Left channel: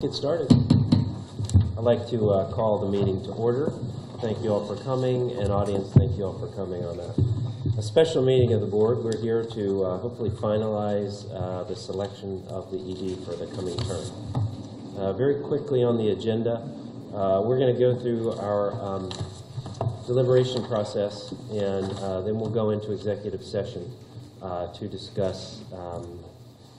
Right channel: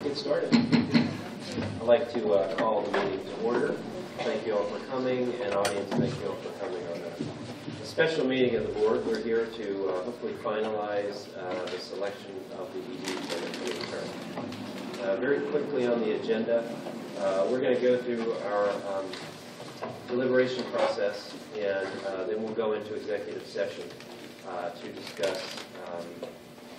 Get started. I'd like to call the meeting to order. Thank you all for coming, and audience, thank you all for coming on a special meeting of the board. We're here to hopefully finalize the selection of the ED for the coming term. Very quickly on the agenda, we're going to go through our deliberation process, and then we'll go into executive session to discuss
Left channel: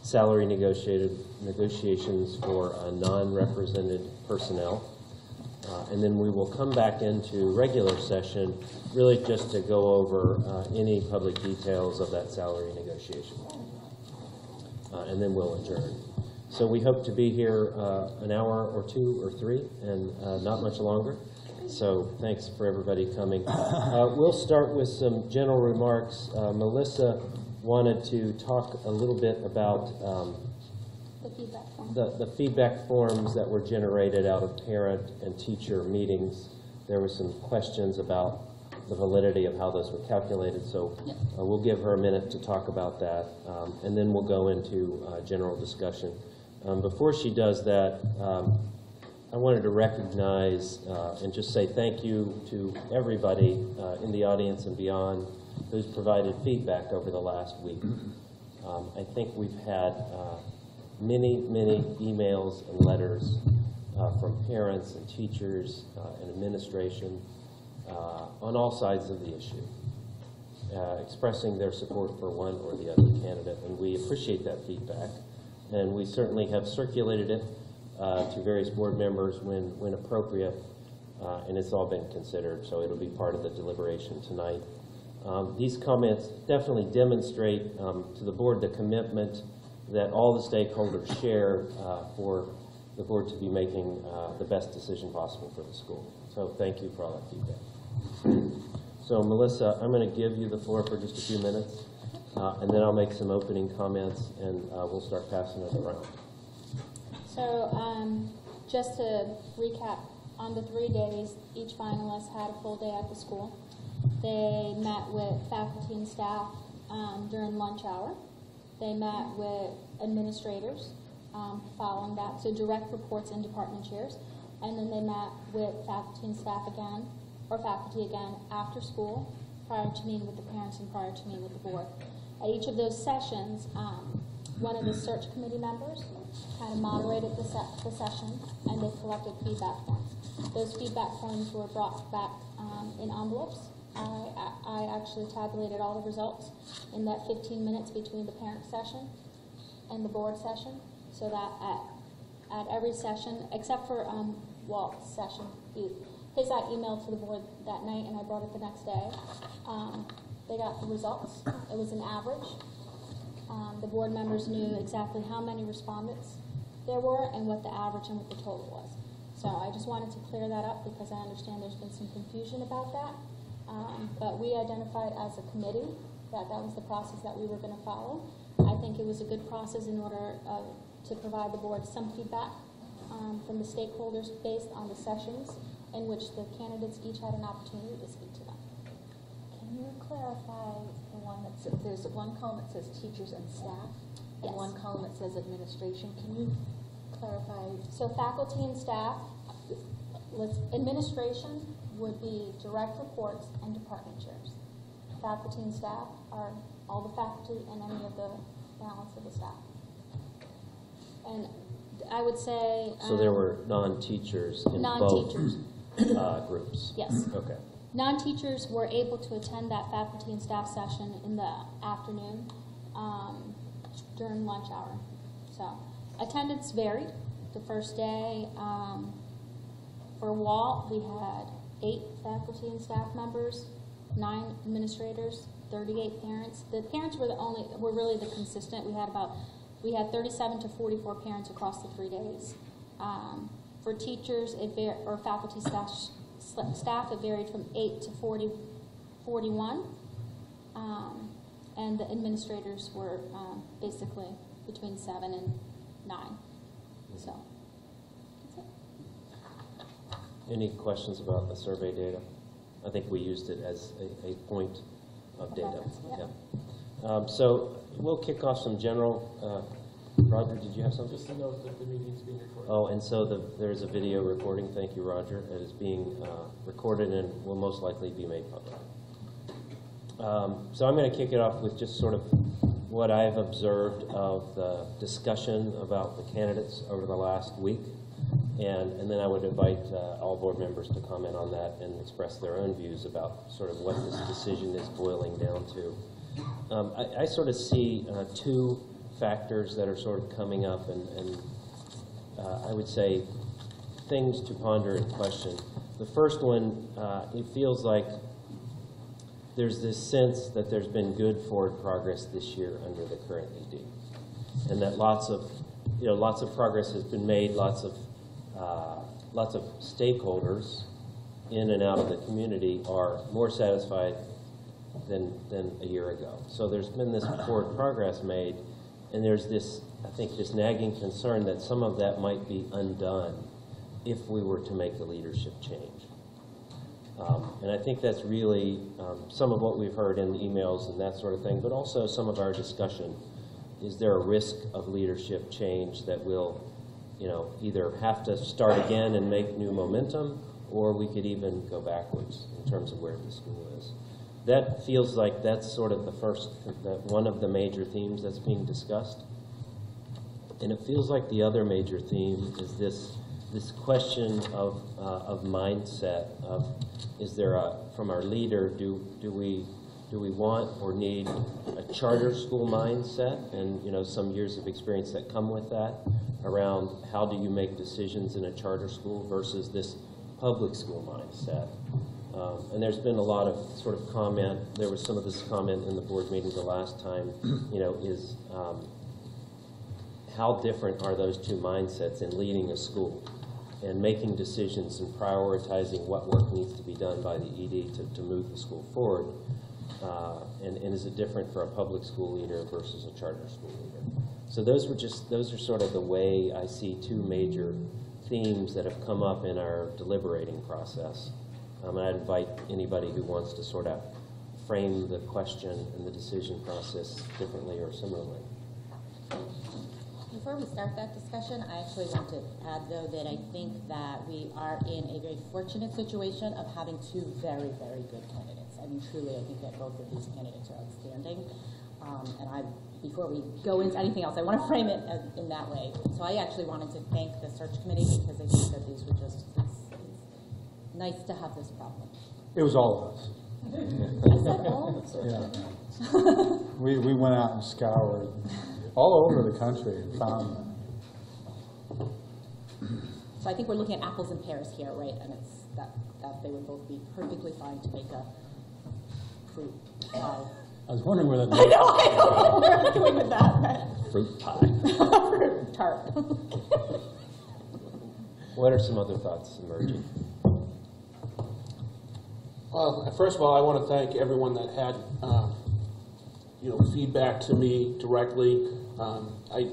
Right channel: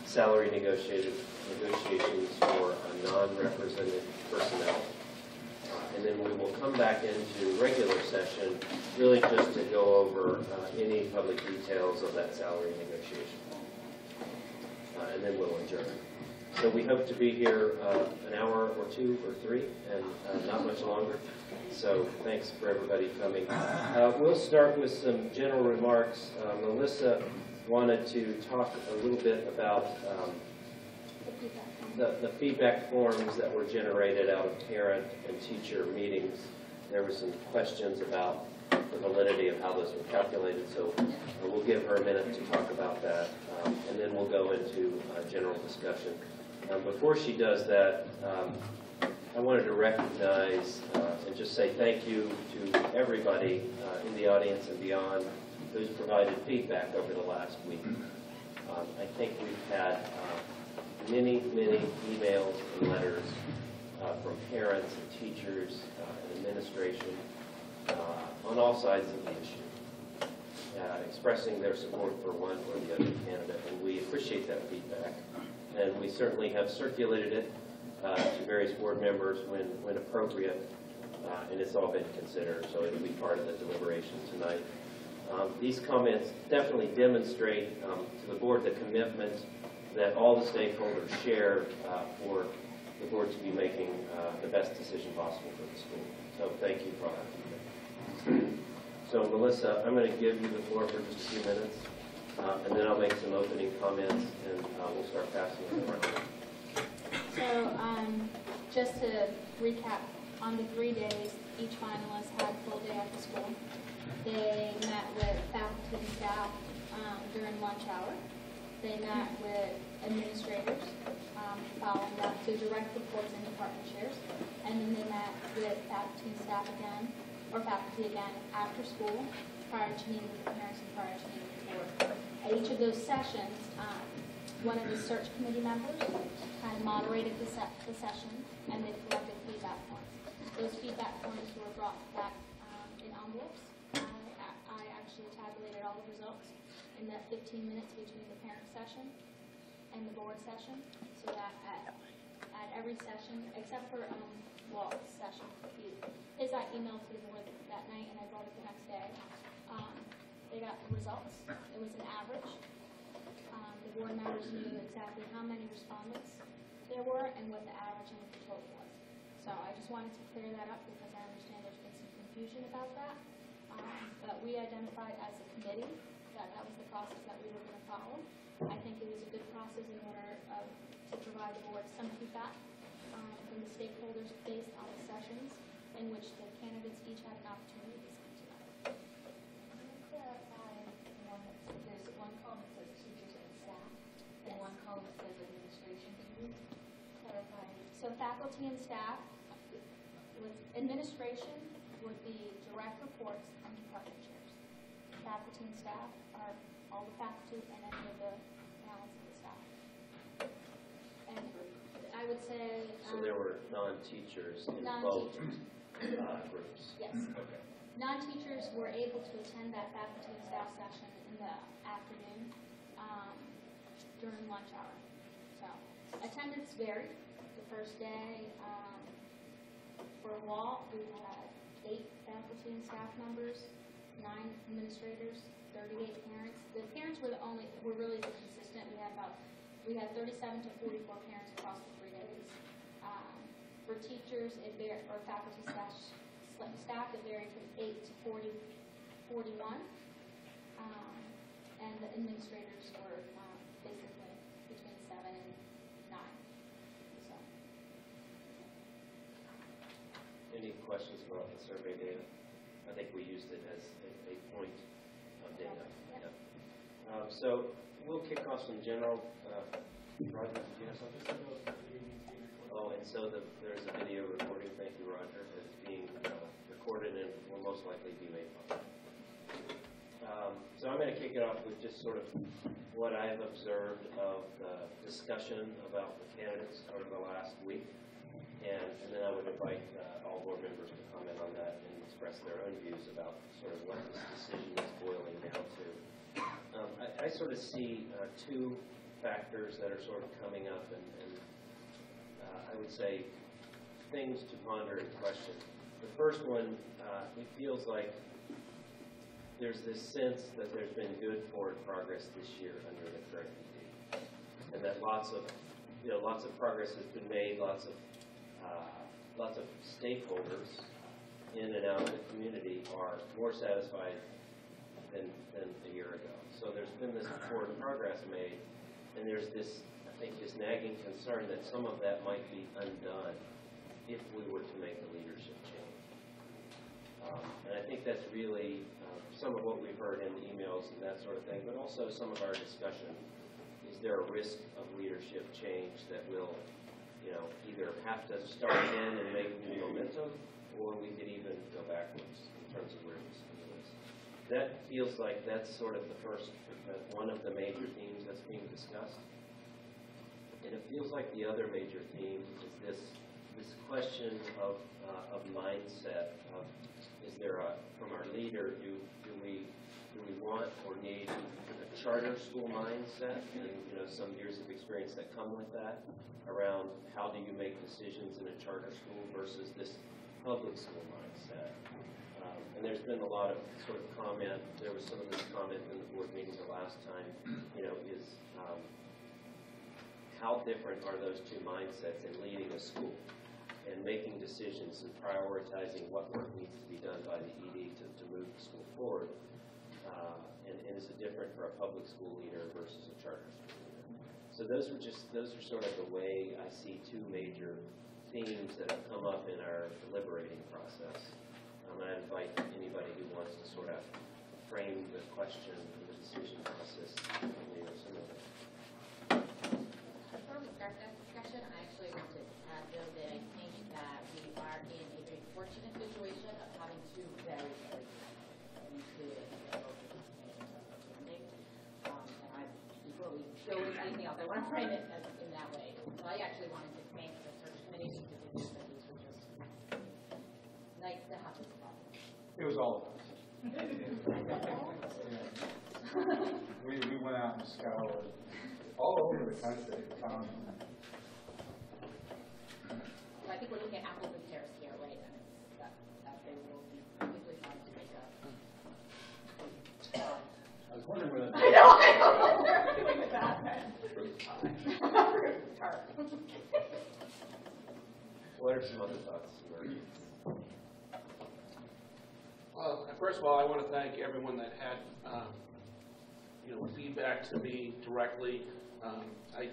salary negotiations for non-represented personnel. And then we will come back into regular session really just to go over any public details of that salary negotiation. And then we'll adjourn. So we hope to be here an hour or two or three and not much longer. So thanks for everybody coming. We'll start with some general remarks. Melissa wanted to talk a little bit about the feedback forms that were generated out of parent and teacher meetings. There were some questions about the validity of how those were calculated, so we'll give her a minute to talk about that, and then we'll go into general discussion. Before she does that, I wanted to recognize and just say thank you to everybody in the audience and beyond who's provided feedback over the last week. I think we've had many emails and letters from parents and teachers and administration on all sides of the issue, expressing their support for one or the other candidate, and we appreciate that feedback. And we certainly have circulated it to various board members when appropriate, and it's all been considered, so it'll be part of the deliberation tonight. These comments definitely demonstrate to the board the commitment that all the stakeholders share for the board to be making the best decision possible for the school. So thank you for all that feedback. So Melissa, I'm going to give you the floor for just a few minutes, and then I'll make some opening comments, and we'll start passing it around. So just to recap, on the 3 days, each finalist had a full day at the school. They met with faculty and staff during lunch hour. They met with administrators following that, so direct reports and department chairs. And then they met with faculty and staff again, or faculty again after school, prior to meeting with the parents and prior to meeting with the board. At each of those sessions, one of the search committee members had moderated the session, and they collected feedback forms. Those feedback forms were brought back in envelopes. I actually tabulated all the results in that 15 minutes between the parent session and the board session, so that at every session, except for Walt's session, his I emailed to the board that night and I brought it the next day. They got the results. It was an average. The board members knew exactly how many respondents there were and what the average and what the total was. So I just wanted to clear that up because I understand there's been some confusion about that. But we identified as a committee that was the process that we were going to follow. I think it was a good process in order to provide the board some feedback from the stakeholders based on the sessions in which the candidates each had an opportunity to speak to them. Can you clarify the one that says, there's one column that says teachers and staff, and Yes. one column that says administration. Can you clarify? So faculty and staff, administration would be direct reports and department chairs. Faculty and staff are all the faculty and any of the balance of the staff. And I would say... So there were non-teachers in both groups? Yes. Okay. Non-teachers were able to attend that faculty and staff session in the afternoon during lunch hour. So attendance varied. The first day, for Walt, we had 8 faculty and staff members, 9 administrators, 38 parents. The parents were really the consistent. We had 37 to 44 parents across the 3 days. For teachers, or faculty staff, it varied from 8 to 41. And the administrators were basically between 7 and 9. So, that's it. Any questions about the survey data? I think we used it as a point of data. Yeah. So we'll kick off some general Roger, did you have something? Just to note that the meeting's being recorded. Oh, and so there's a video recording, thank you, Roger. It is being recorded and will most likely be made public. So I'm going to kick it off with just sort of what I've observed of the discussion about the candidates over the last week. And then I would invite all board members to comment on that and express their own views about sort of what this decision is boiling down to. I sort of see two factors that are sort of coming up, and I would say things to ponder and question. The first one, it feels like there's this sense that there's been good forward progress this year under the current ED, and that lots of progress has been made. Lots of stakeholders in and out of the community are more satisfied than a year ago. So there's been this forward progress made, and there's this, I think, this nagging concern that some of that might be undone if we were to make a leadership change. And I think that's really some of what we've heard in emails and that sort of thing, but also some of our discussion. Is there a risk of leadership change that will, either have to start again and make new momentum, or we could even go backwards in terms of where the school is? That feels like that's sort of one of the major themes that's being discussed. And it feels like the other major theme is this question of mindset of, is there from our leader, do we want or need a charter school mindset, and some years of experience that come with that around how do you make decisions in a charter school versus this public school mindset. And there's been a lot of sort of comment. There was some of this comment in the board meeting the last time, is how different are those two mindsets in leading a school and making decisions and prioritizing what work needs to be done by the ED to move the school forward. And is it different for a public school leader versus a charter school leader? So those are sort of the way I see two major themes that have come up in our deliberating process. And I'd invite anybody who wants to sort of frame the question and the decision process differently or similarly. Before we start that discussion, I actually want to add, though, that I think that we are in a very fortunate situation of having two very, very good candidates. I mean, truly, I think that both of these candidates are outstanding. Before we go into anything else, I want to frame it in that way. So I actually wanted to thank the search committee because I think that these were just, it's nice to have this problem. It was all of us. I said all the search committee. We went out and scoured all over the country and found them. So I think we're looking at apples and pears here, right? And it's that they would both be perfectly fine to make a fruit pie. I was wondering where that I know, I don't know where we're going with that. Right? Fruit pie. Fruit tart. What are some other thoughts emerging? Well, first of all, I want to thank everyone that had, feedback to me directly. I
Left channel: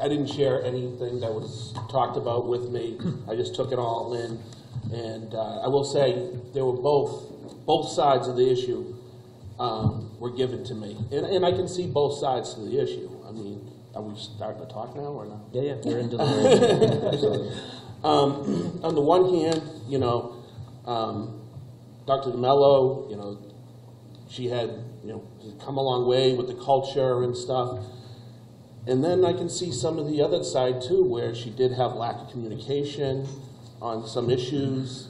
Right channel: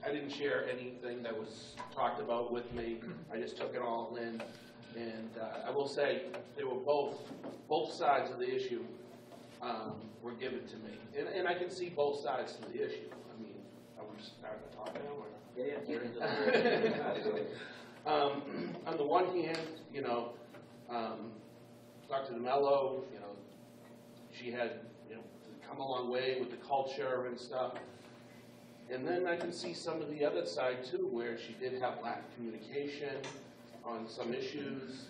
didn't share anything that was talked about with me. I just took it all in, and I will say they were both sides of the issue were given to me, and I can see both sides to the issue. I mean, are we starting to talk now or not? Yeah, we're in deliberation. Absolutely. On the one hand, Dr. DeMello, she had, come a long way with the culture and stuff. And then I can see some of the other side too, where she did have lack of communication on some issues.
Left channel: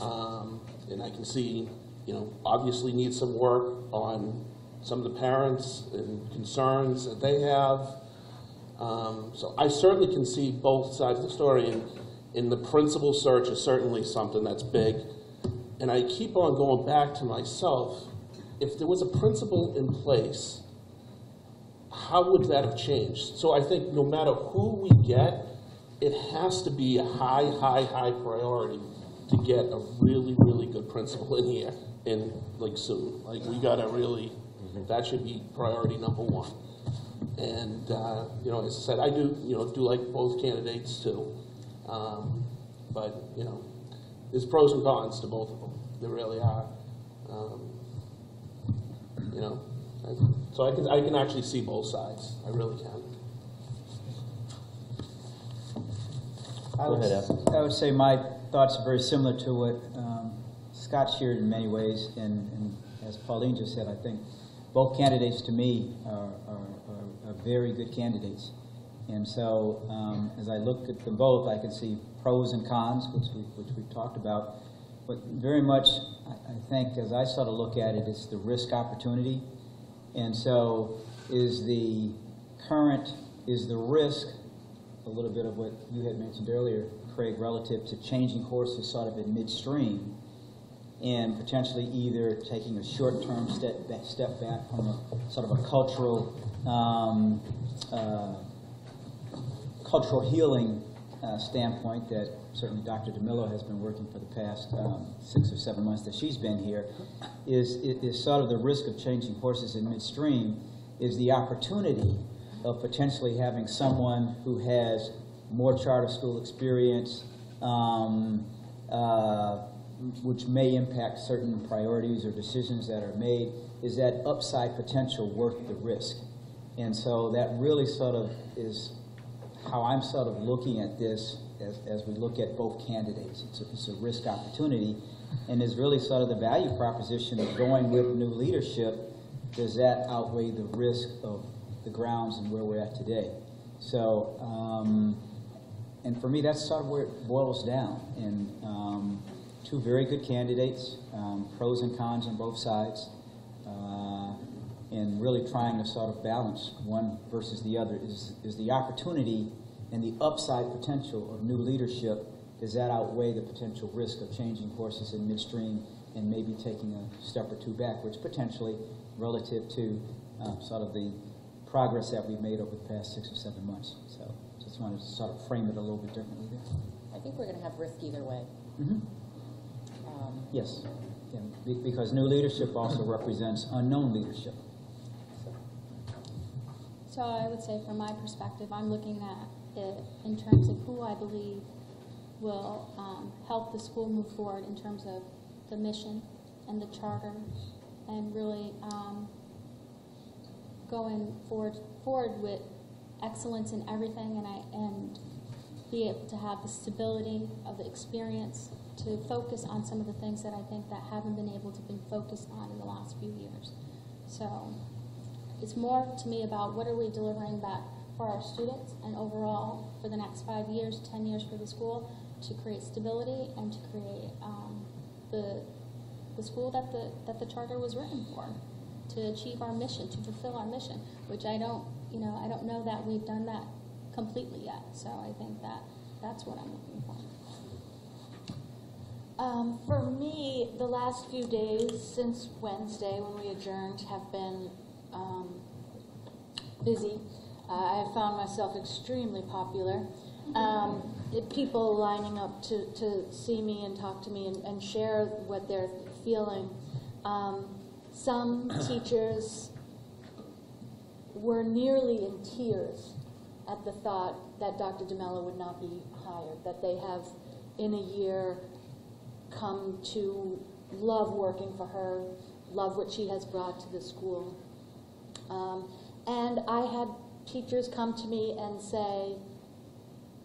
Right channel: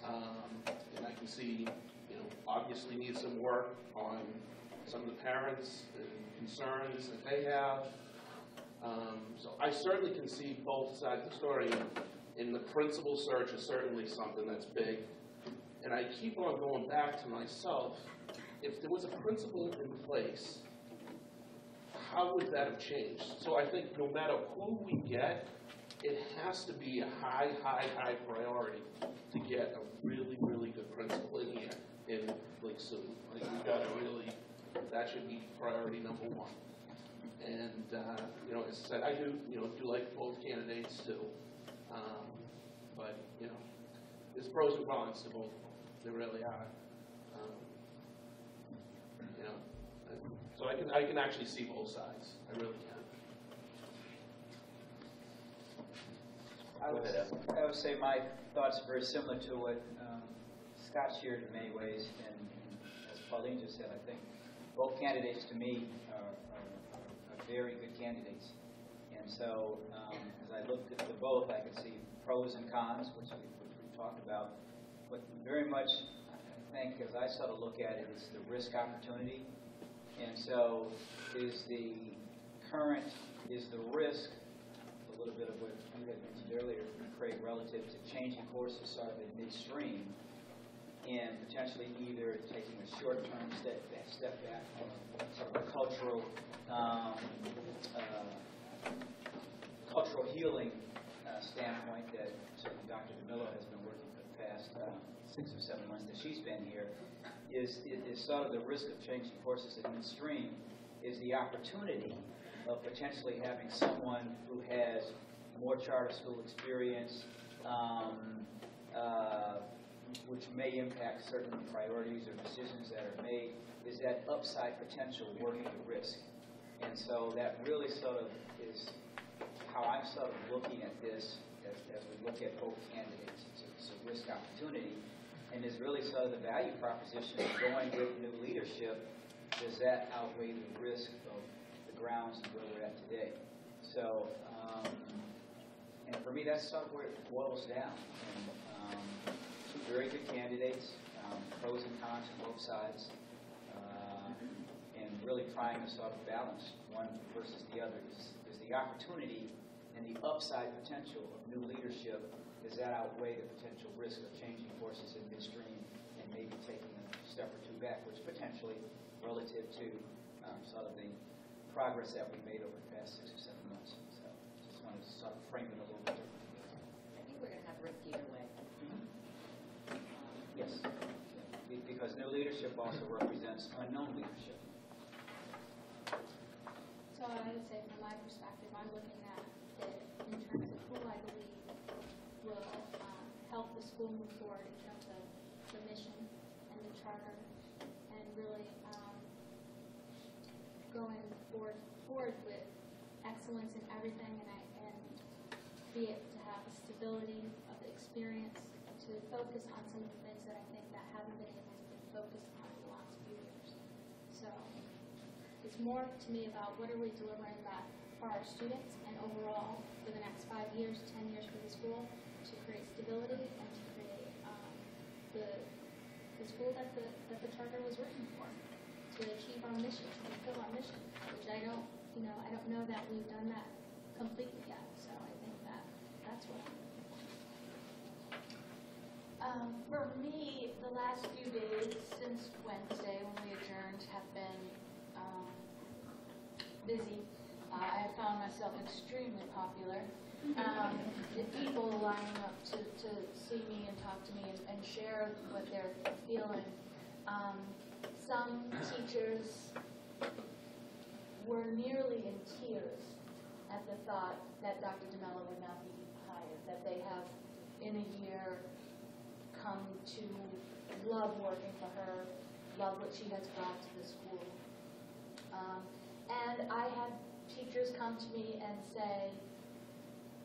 And I can see, obviously needs some work on some of the parents and concerns that they have. So I certainly can see both sides of the story. And the principal search is certainly something that's big. And I keep on going back to myself. If there was a principal in place, how would that have changed? So I think no matter who we get, it has to be a high priority to get a really, really good principal in here, and soon. We gotta really, that should be priority number one. And as I said, I do like both candidates too. But there's pros and cons to both of them. There really are. So I can actually see both sides. I really can. Go ahead, Evan. I would say my thoughts are very similar to what Scott shared in many ways, and as Pauline just said, I think both candidates to me are very good candidates. And so as I look at them both, I can see pros and cons, which we've talked about. But very much, I think, as I sort of look at it, it's the risk opportunity. And so is the risk, a little bit of what you had mentioned earlier, Craig, relative to changing horses sort of in midstream and potentially either taking a short-term step back from a sort of a cultural healing standpoint that certainly Dr. DeMillo has been working for the past 6 or 7 months that she's been here, is sort of the risk of changing horses in midstream is the opportunity of potentially having someone who has more charter school experience, which may impact certain priorities or decisions that are made. Is that upside potential worth the risk? And so that really sort of is how I'm sort of looking at this as we look at both candidates. It's a risk opportunity, and is really sort of the value proposition of going with new leadership. Does that outweigh the risk of the grounds and where we're at today? So, and for me, that's sort of where it boils down. And two very good candidates, pros and cons on both sides, and really trying to sort of balance one versus the other. Is the opportunity and the upside potential of new leadership, does that outweigh the potential risk of changing horses in midstream and maybe taking a step or two backwards, potentially, relative to sort of the progress that we've made over the past 6 or 7 months. So just wanted to sort of frame it a little bit differently there. I think we're going to have risk either way. Mm-hmm. Yes, because new leadership also represents unknown leadership. So I would say from my perspective, I'm looking at it in terms of who I believe will help the school move forward in terms of the mission and the charter, and really going forward with excellence in everything, and be able to have the stability of the experience to focus on some of the things that I think that haven't been able to be focused on in the last few years. So it's more to me about what are we delivering back for our students and overall for the next 5 years, 10 years for the school, to create stability and to create the school that the charter was written for, to achieve our mission, to fulfill our mission, which I don't know that we've done that completely yet. So I think that's what I'm looking for. For me, the last few days since Wednesday when we adjourned have been busy. I have found myself extremely popular. People lining up to see me and talk to me and share what they're feeling. Some teachers were nearly in tears at the thought that Dr. DeMello would not be hired, that they have in a year come to love working for her, love what she has brought to the school. And I had teachers come to me and say,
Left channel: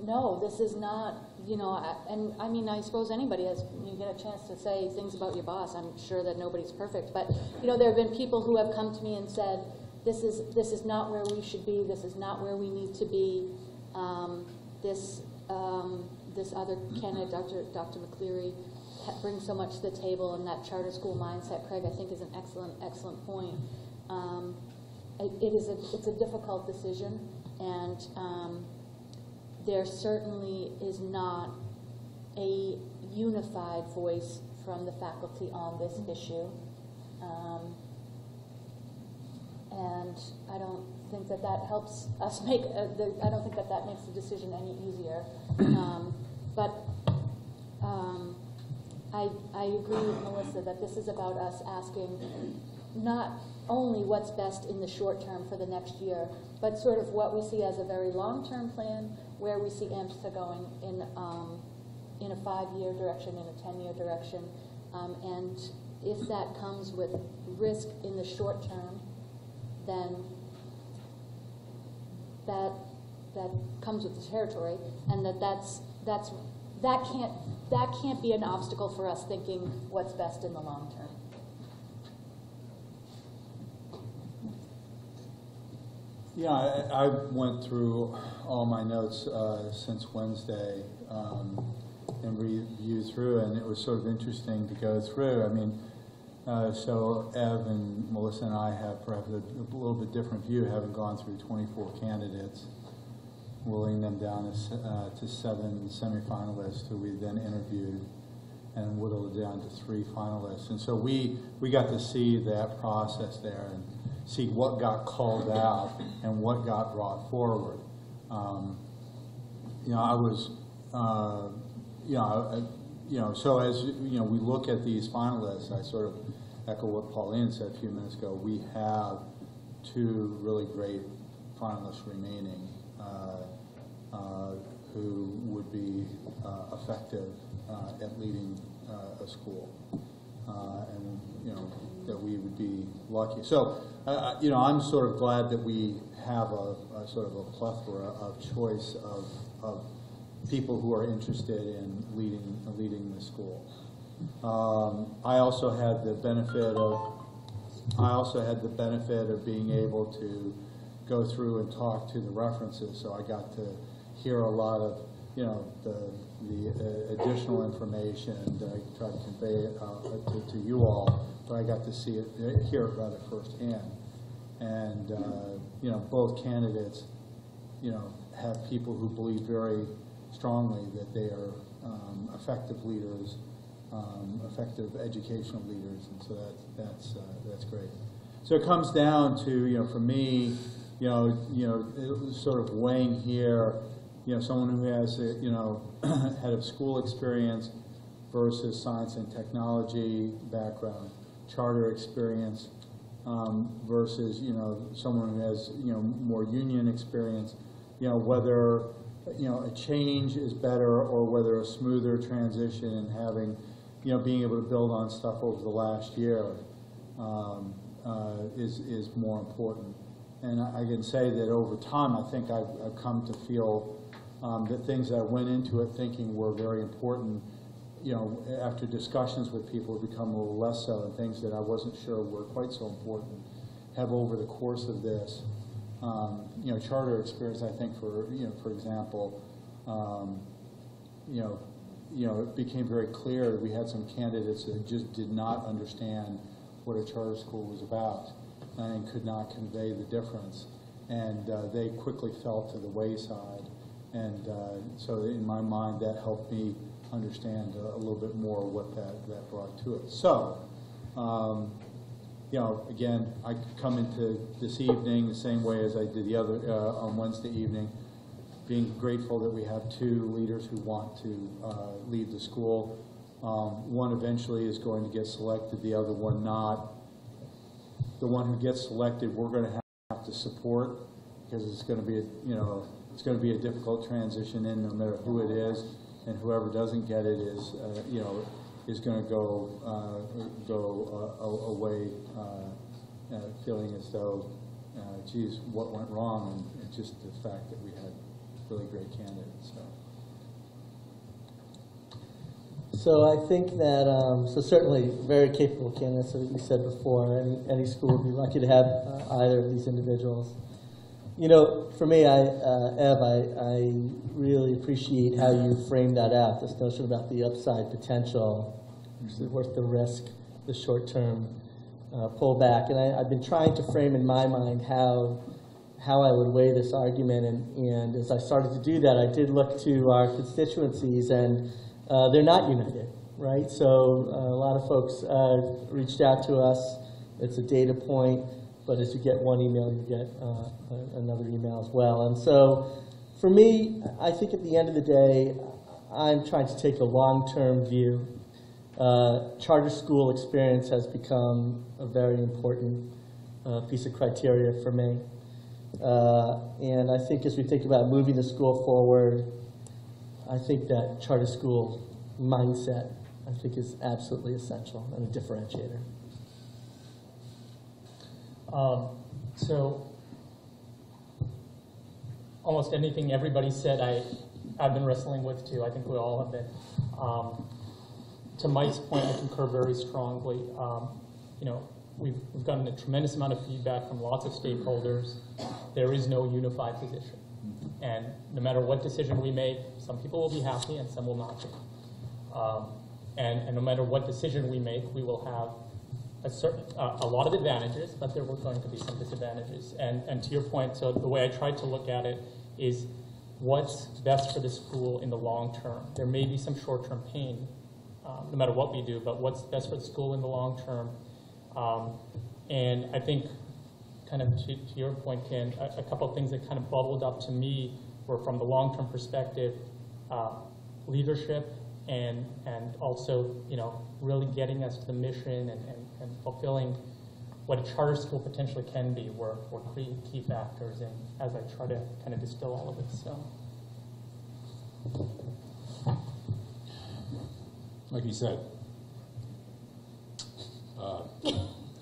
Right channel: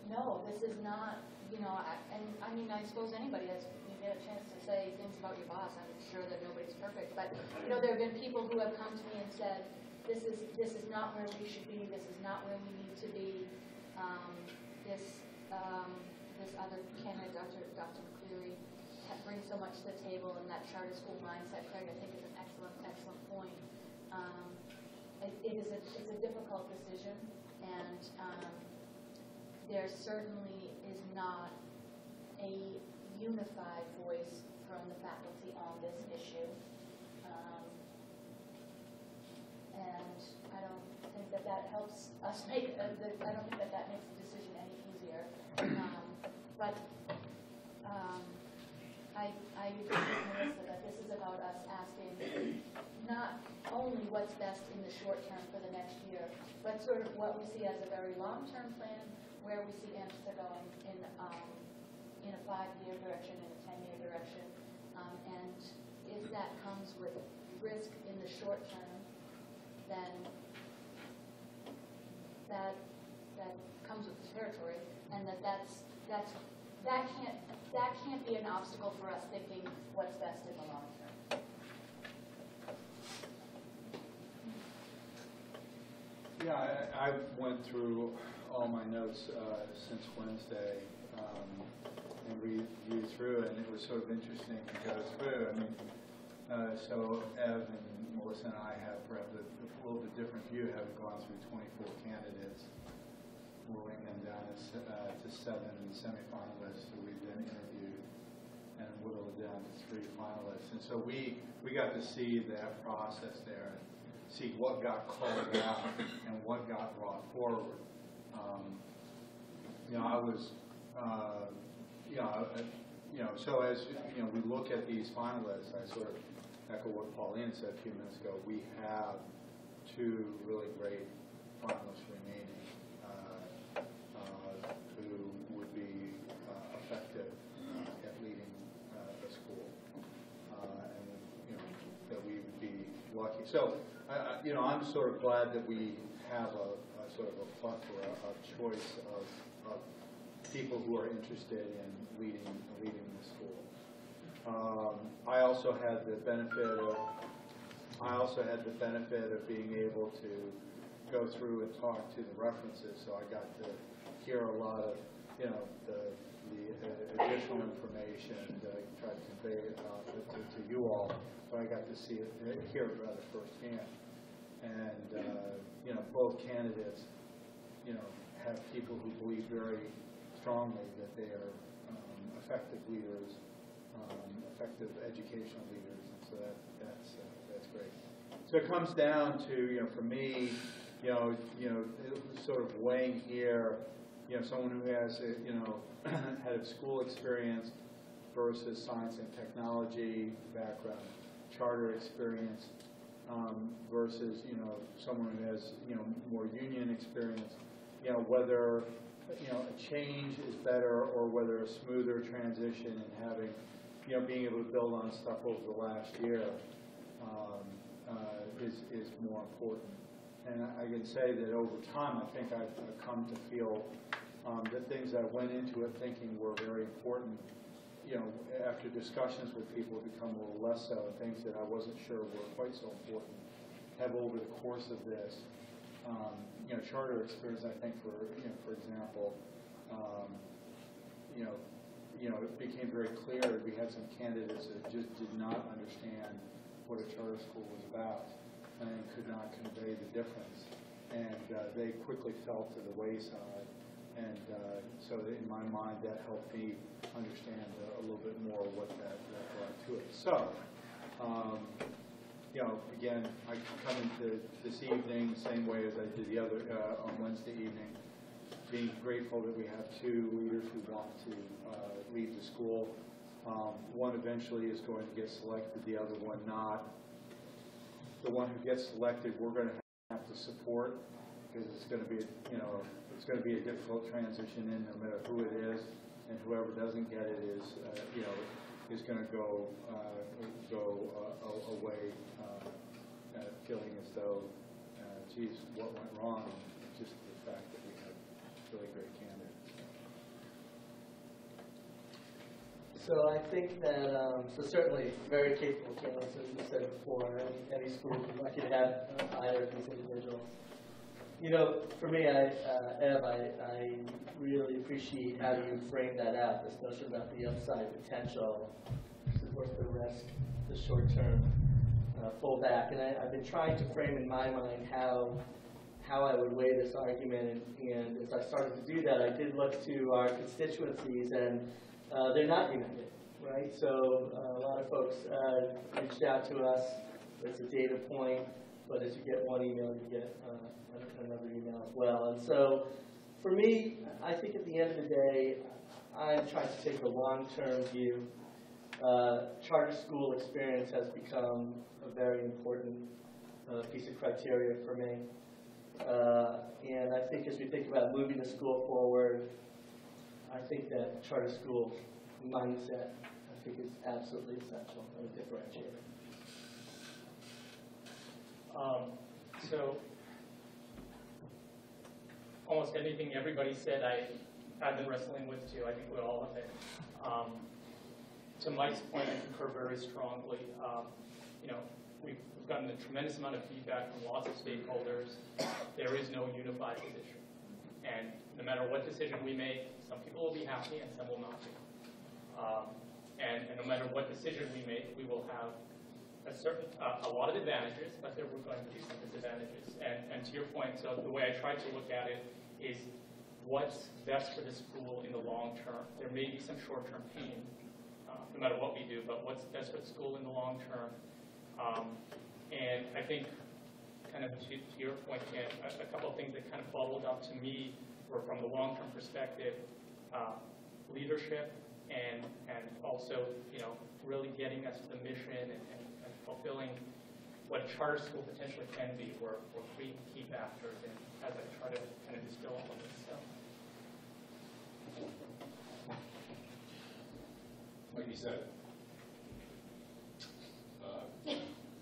no, this is not, I suppose anybody you get a chance to say things about your boss. I'm sure that nobody's perfect, but, there have been people who have come to me and said, this is not where we should be, this is not where we need to be. This other candidate, Dr. McCleary, brings so much to the table, and that charter school mindset, Craig, I think is an excellent point. It's a difficult decision, and there certainly is not a unified voice from the faculty on this issue. And I don't think that helps us make, I don't think that makes the decision any easier. But I agree with Melissa that this is about us asking not only what's best in the short term for the next year, but sort of what we see as a very long-term plan, where we see AMSA going in a 5-year direction, in a 10-year direction. And if that comes with risk in the short term, then that comes with the territory, and that's that can't be an obstacle for us thinking what's best in the long term. Yeah, I went through all my notes since Wednesday and reviewed through, and it was sort of interesting to go through. I mean, so Ev and Melissa and I have perhaps a little bit different view, having gone through 24 candidates, whittling them down to 7 semifinalists who we then interviewed, and whittled it down to 3 finalists. And so we got to see that process there and see what got called out and what got brought forward. You know, I was, so as we look at these finalists, I sort of echo what Pauline said a few minutes ago. We have 2 really great finalists remaining who would be effective at leading a school, and that we would be lucky. So, I'm sort of glad that we have a sort of a plethora of choice of people who are interested in leading the school. I also had the benefit of being able to go through and talk to the references, so I got to hear a lot of the additional information that I tried to convey it to you all, but I got to hear it rather firsthand. And both candidates have people who believe very strongly that they are effective leaders, effective educational leaders, and so that's great. So it comes down to for me, it was sort of weighing here, someone who has head of school experience versus science and technology background, charter experience versus someone who has more union experience, whether a change is better or whether a smoother transition and having being able to build on stuff over the last year is more important. And I can say that over time, I think I've come to feel that things that I went into it thinking were very important, after discussions with people, have become a little less so, and things that I wasn't sure were quite so important have over the course of this, charter experience. I think for example, it became very clear that we had some candidates that just did not understand what a charter school was about and could not convey the difference, and they quickly fell to the wayside. And so in my mind, that helped me understand a little bit more what that brought to it. So, again, I come into this evening the same way as I did the other on Wednesday evening, being grateful that we have 2 leaders who want to lead the school. One eventually is going to get selected, the other one not. The one who gets selected, we're going to have to support, because it's going to be it's going to be a difficult transition in no matter who it is, and whoever doesn't get it is going to go away feeling as though, geez, what went wrong, and just the fact that we had really great candidates. So I think that, so certainly very capable candidates, as you said before. Any school would be lucky to have either of these individuals. For me, Ev, I really appreciate how you framed that out, this notion about the upside potential, which is worth the risk, the short-term pullback. And I've been trying to frame in my mind how I would weigh this argument. And as I started to do that, I did look to our constituencies, and they're not united, right? So a lot of folks reached out to us. It's a data point. But as you get one email, you get another email as well. And so for me, I think at the end of the day, I'm trying to take a long-term view. Charter school experience has become a very important piece of criteria for me. And I think as we think about moving the school forward, I think that charter school mindset, I think, is absolutely essential and a differentiator. So almost anything everybody said, I've been wrestling with too. I think we all have been. To Mike's point, I concur very strongly. We've gotten a tremendous amount of feedback from lots of stakeholders. There is no unified position. And no matter what decision we make, some people will be happy and some will not be. And no matter what decision we make, we will have a lot of advantages, but there were going to be some disadvantages. And to your point, so the way I tried to look at it is what's best for the school in the long term. There may be some short-term pain, no matter what we do, but what's best for the school in the long term. And I think, kind of to your point, Ken, a couple of things that kind of bubbled up to me were, from the long-term perspective, leadership and also, really getting us to the mission and fulfilling what a charter school potentially can be were key factors, and as I try to kind of distill all of it. So, like you said,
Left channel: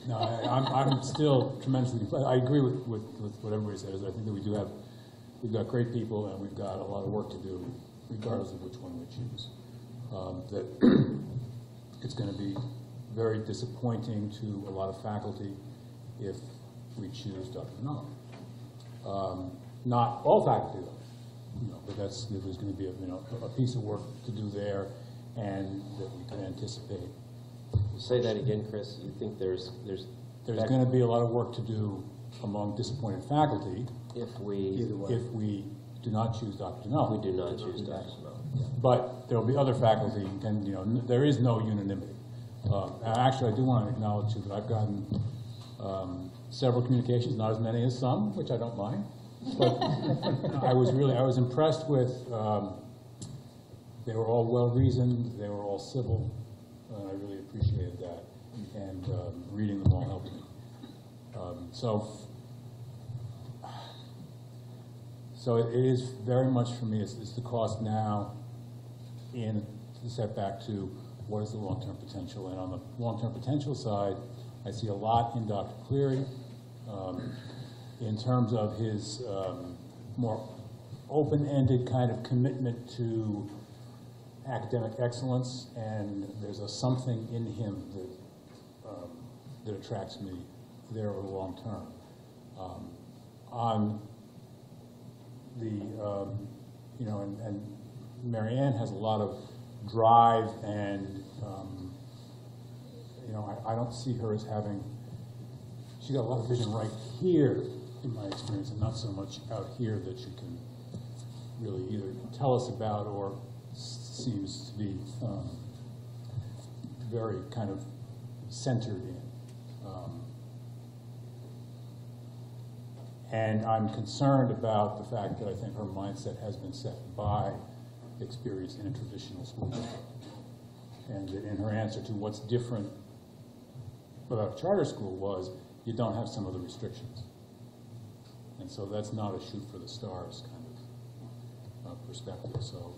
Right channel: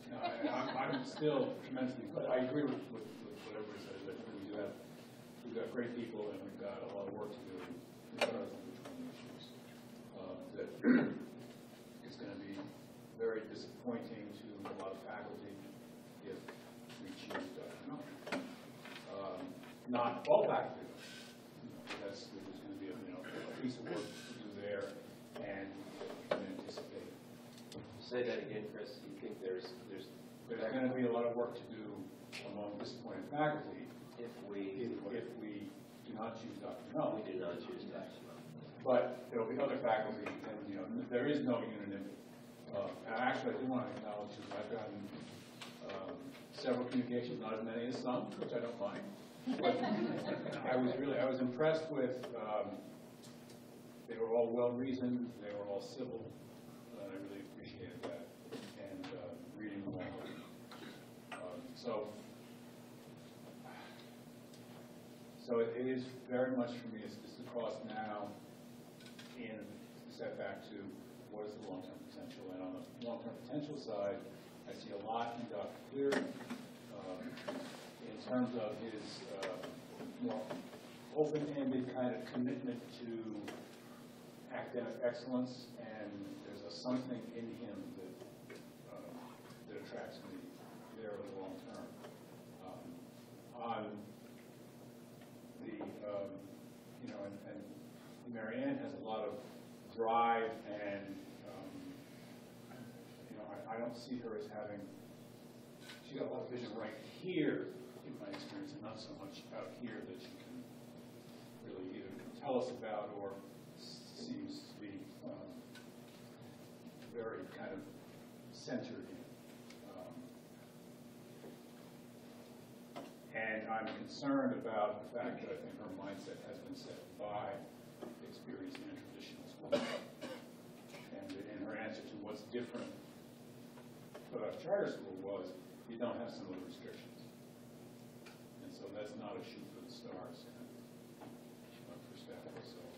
no, I'm still tremendously. I agree with what everybody says. I think that we've got great people, and we've got a lot of work to do, regardless of which one we choose. That it's going to be very disappointing to a lot of faculty if we choose Dr. Null. Not all faculty, though, but there's going to be a piece of work to do there, and that we can anticipate. Say that again, Chris. You think there's going to be a lot of work to do among disappointed faculty if we do not choose Dr. Null. We do not choose Dr. Null. But there will be other faculty, and there is no unanimity. Actually, I do want to acknowledge that I've gotten several communications, not as many as some, which I don't mind. But I was impressed with. They were all well reasoned. They were all civil. I really appreciated that, and reading them all helped me. So it is very much for me. It's the cost now, in the setback to what is the long-term potential. And on the long-term potential side, I see a lot in Dr. Cleary in terms of his more open-ended kind of commitment to academic excellence, and there's a something in him that attracts me there over the long term. On the and Marianne has a lot of drive, and I don't see her as having. She's got a lot of vision right here, in my experience, and not so much out here that she can really either tell us about or seems to be very kind of centered in. And I'm concerned about the fact that I think her mindset has been set by experience in a traditional school. And in her answer to what's different about a charter school was, you don't have some of the restrictions. And so that's not a shoot for the stars kind of perspective. So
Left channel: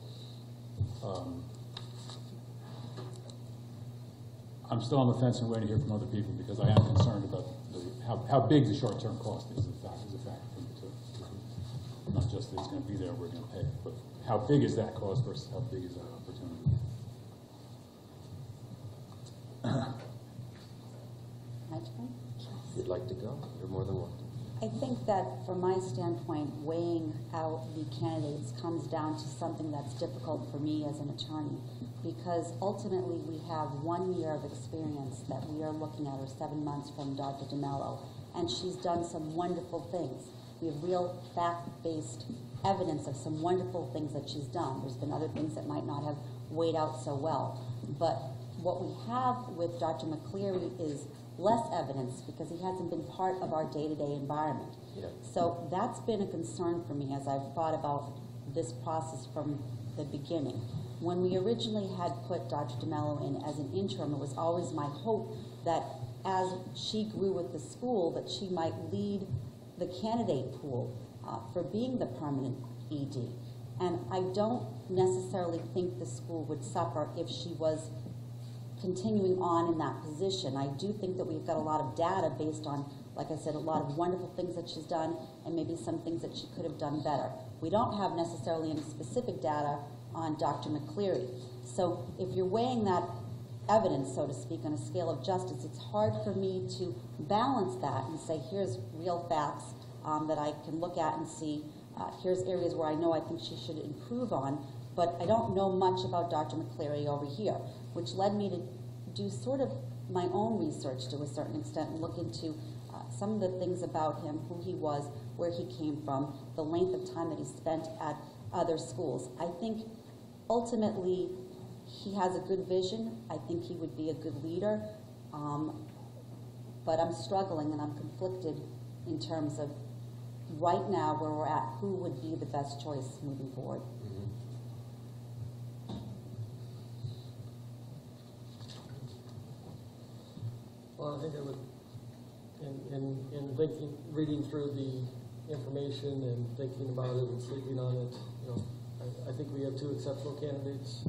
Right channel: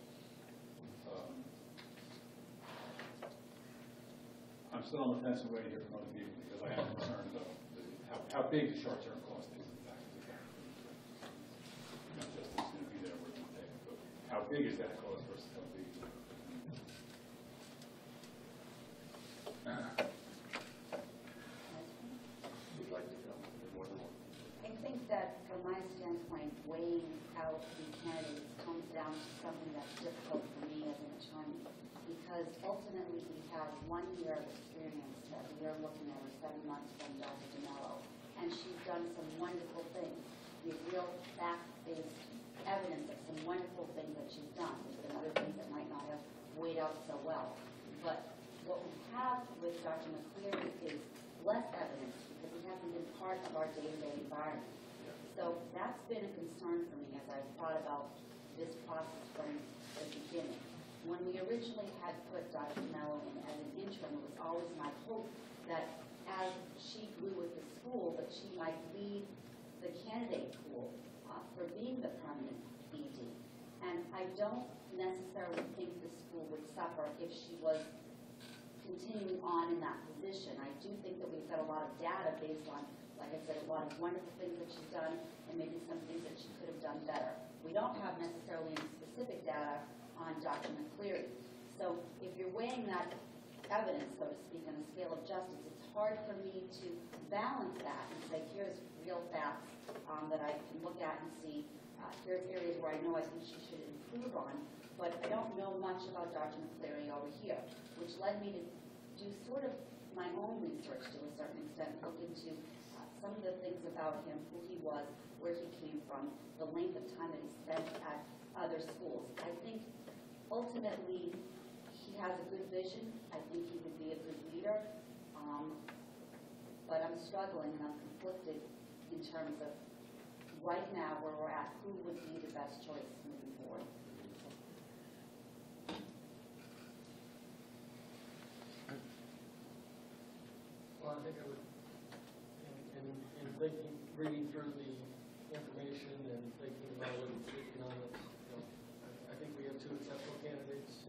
I'm still on the fence and waiting to hear from other people, because I am concerned about how big the short-term cost is. Not just that it's going to be there, we're going to pay it, but how big is that cost versus how big is that opportunity? You'd like to go? You're more than welcome. I think that from my standpoint, weighing out the candidates comes down to something that's difficult for me as an attorney, because ultimately we have 1 year of experience that we are looking at, or 7 months from Dr. DeMello, and she's done some wonderful things. We have real fact-based evidence of some wonderful things that she's done. There's been other things that might not have weighed out so well. But what we have with Dr. McCleary is less evidence, because he hasn't been part of our day-to-day environment. Yeah. So that's been a concern for me as I've thought about this process from the beginning. When we originally had put Dr. DeMello in as an interim, it was always my hope that as she grew with the school, that she might lead the candidate pool for being the permanent ED. And I don't necessarily think the school would suffer if she was continuing on in that position. I do think that we've got a lot of data based on, like I said, a lot of wonderful things that she's done, and maybe some things that she could have done better. We don't have necessarily any specific data on Dr. McCleary. So if you're weighing that evidence, so to speak, on a scale of justice, it's hard for me to balance that and say, here's real facts that I can look at and see, here's areas where I know I think she should improve on, but I don't know much about Dr. McCleary over here, which led me to do sort of my own research to a certain extent and look into some of the things about him, who he was, where he came from, the length of time that he spent at other schools. I think ultimately he has a good vision. I think he would be a good leader, but I'm struggling and I'm conflicted in terms of right now where we're at, who would be the best choice moving forward. Well, I think I would, in thinking, reading through the information and thinking about it and sleeping on it, I think we have two exceptional candidates.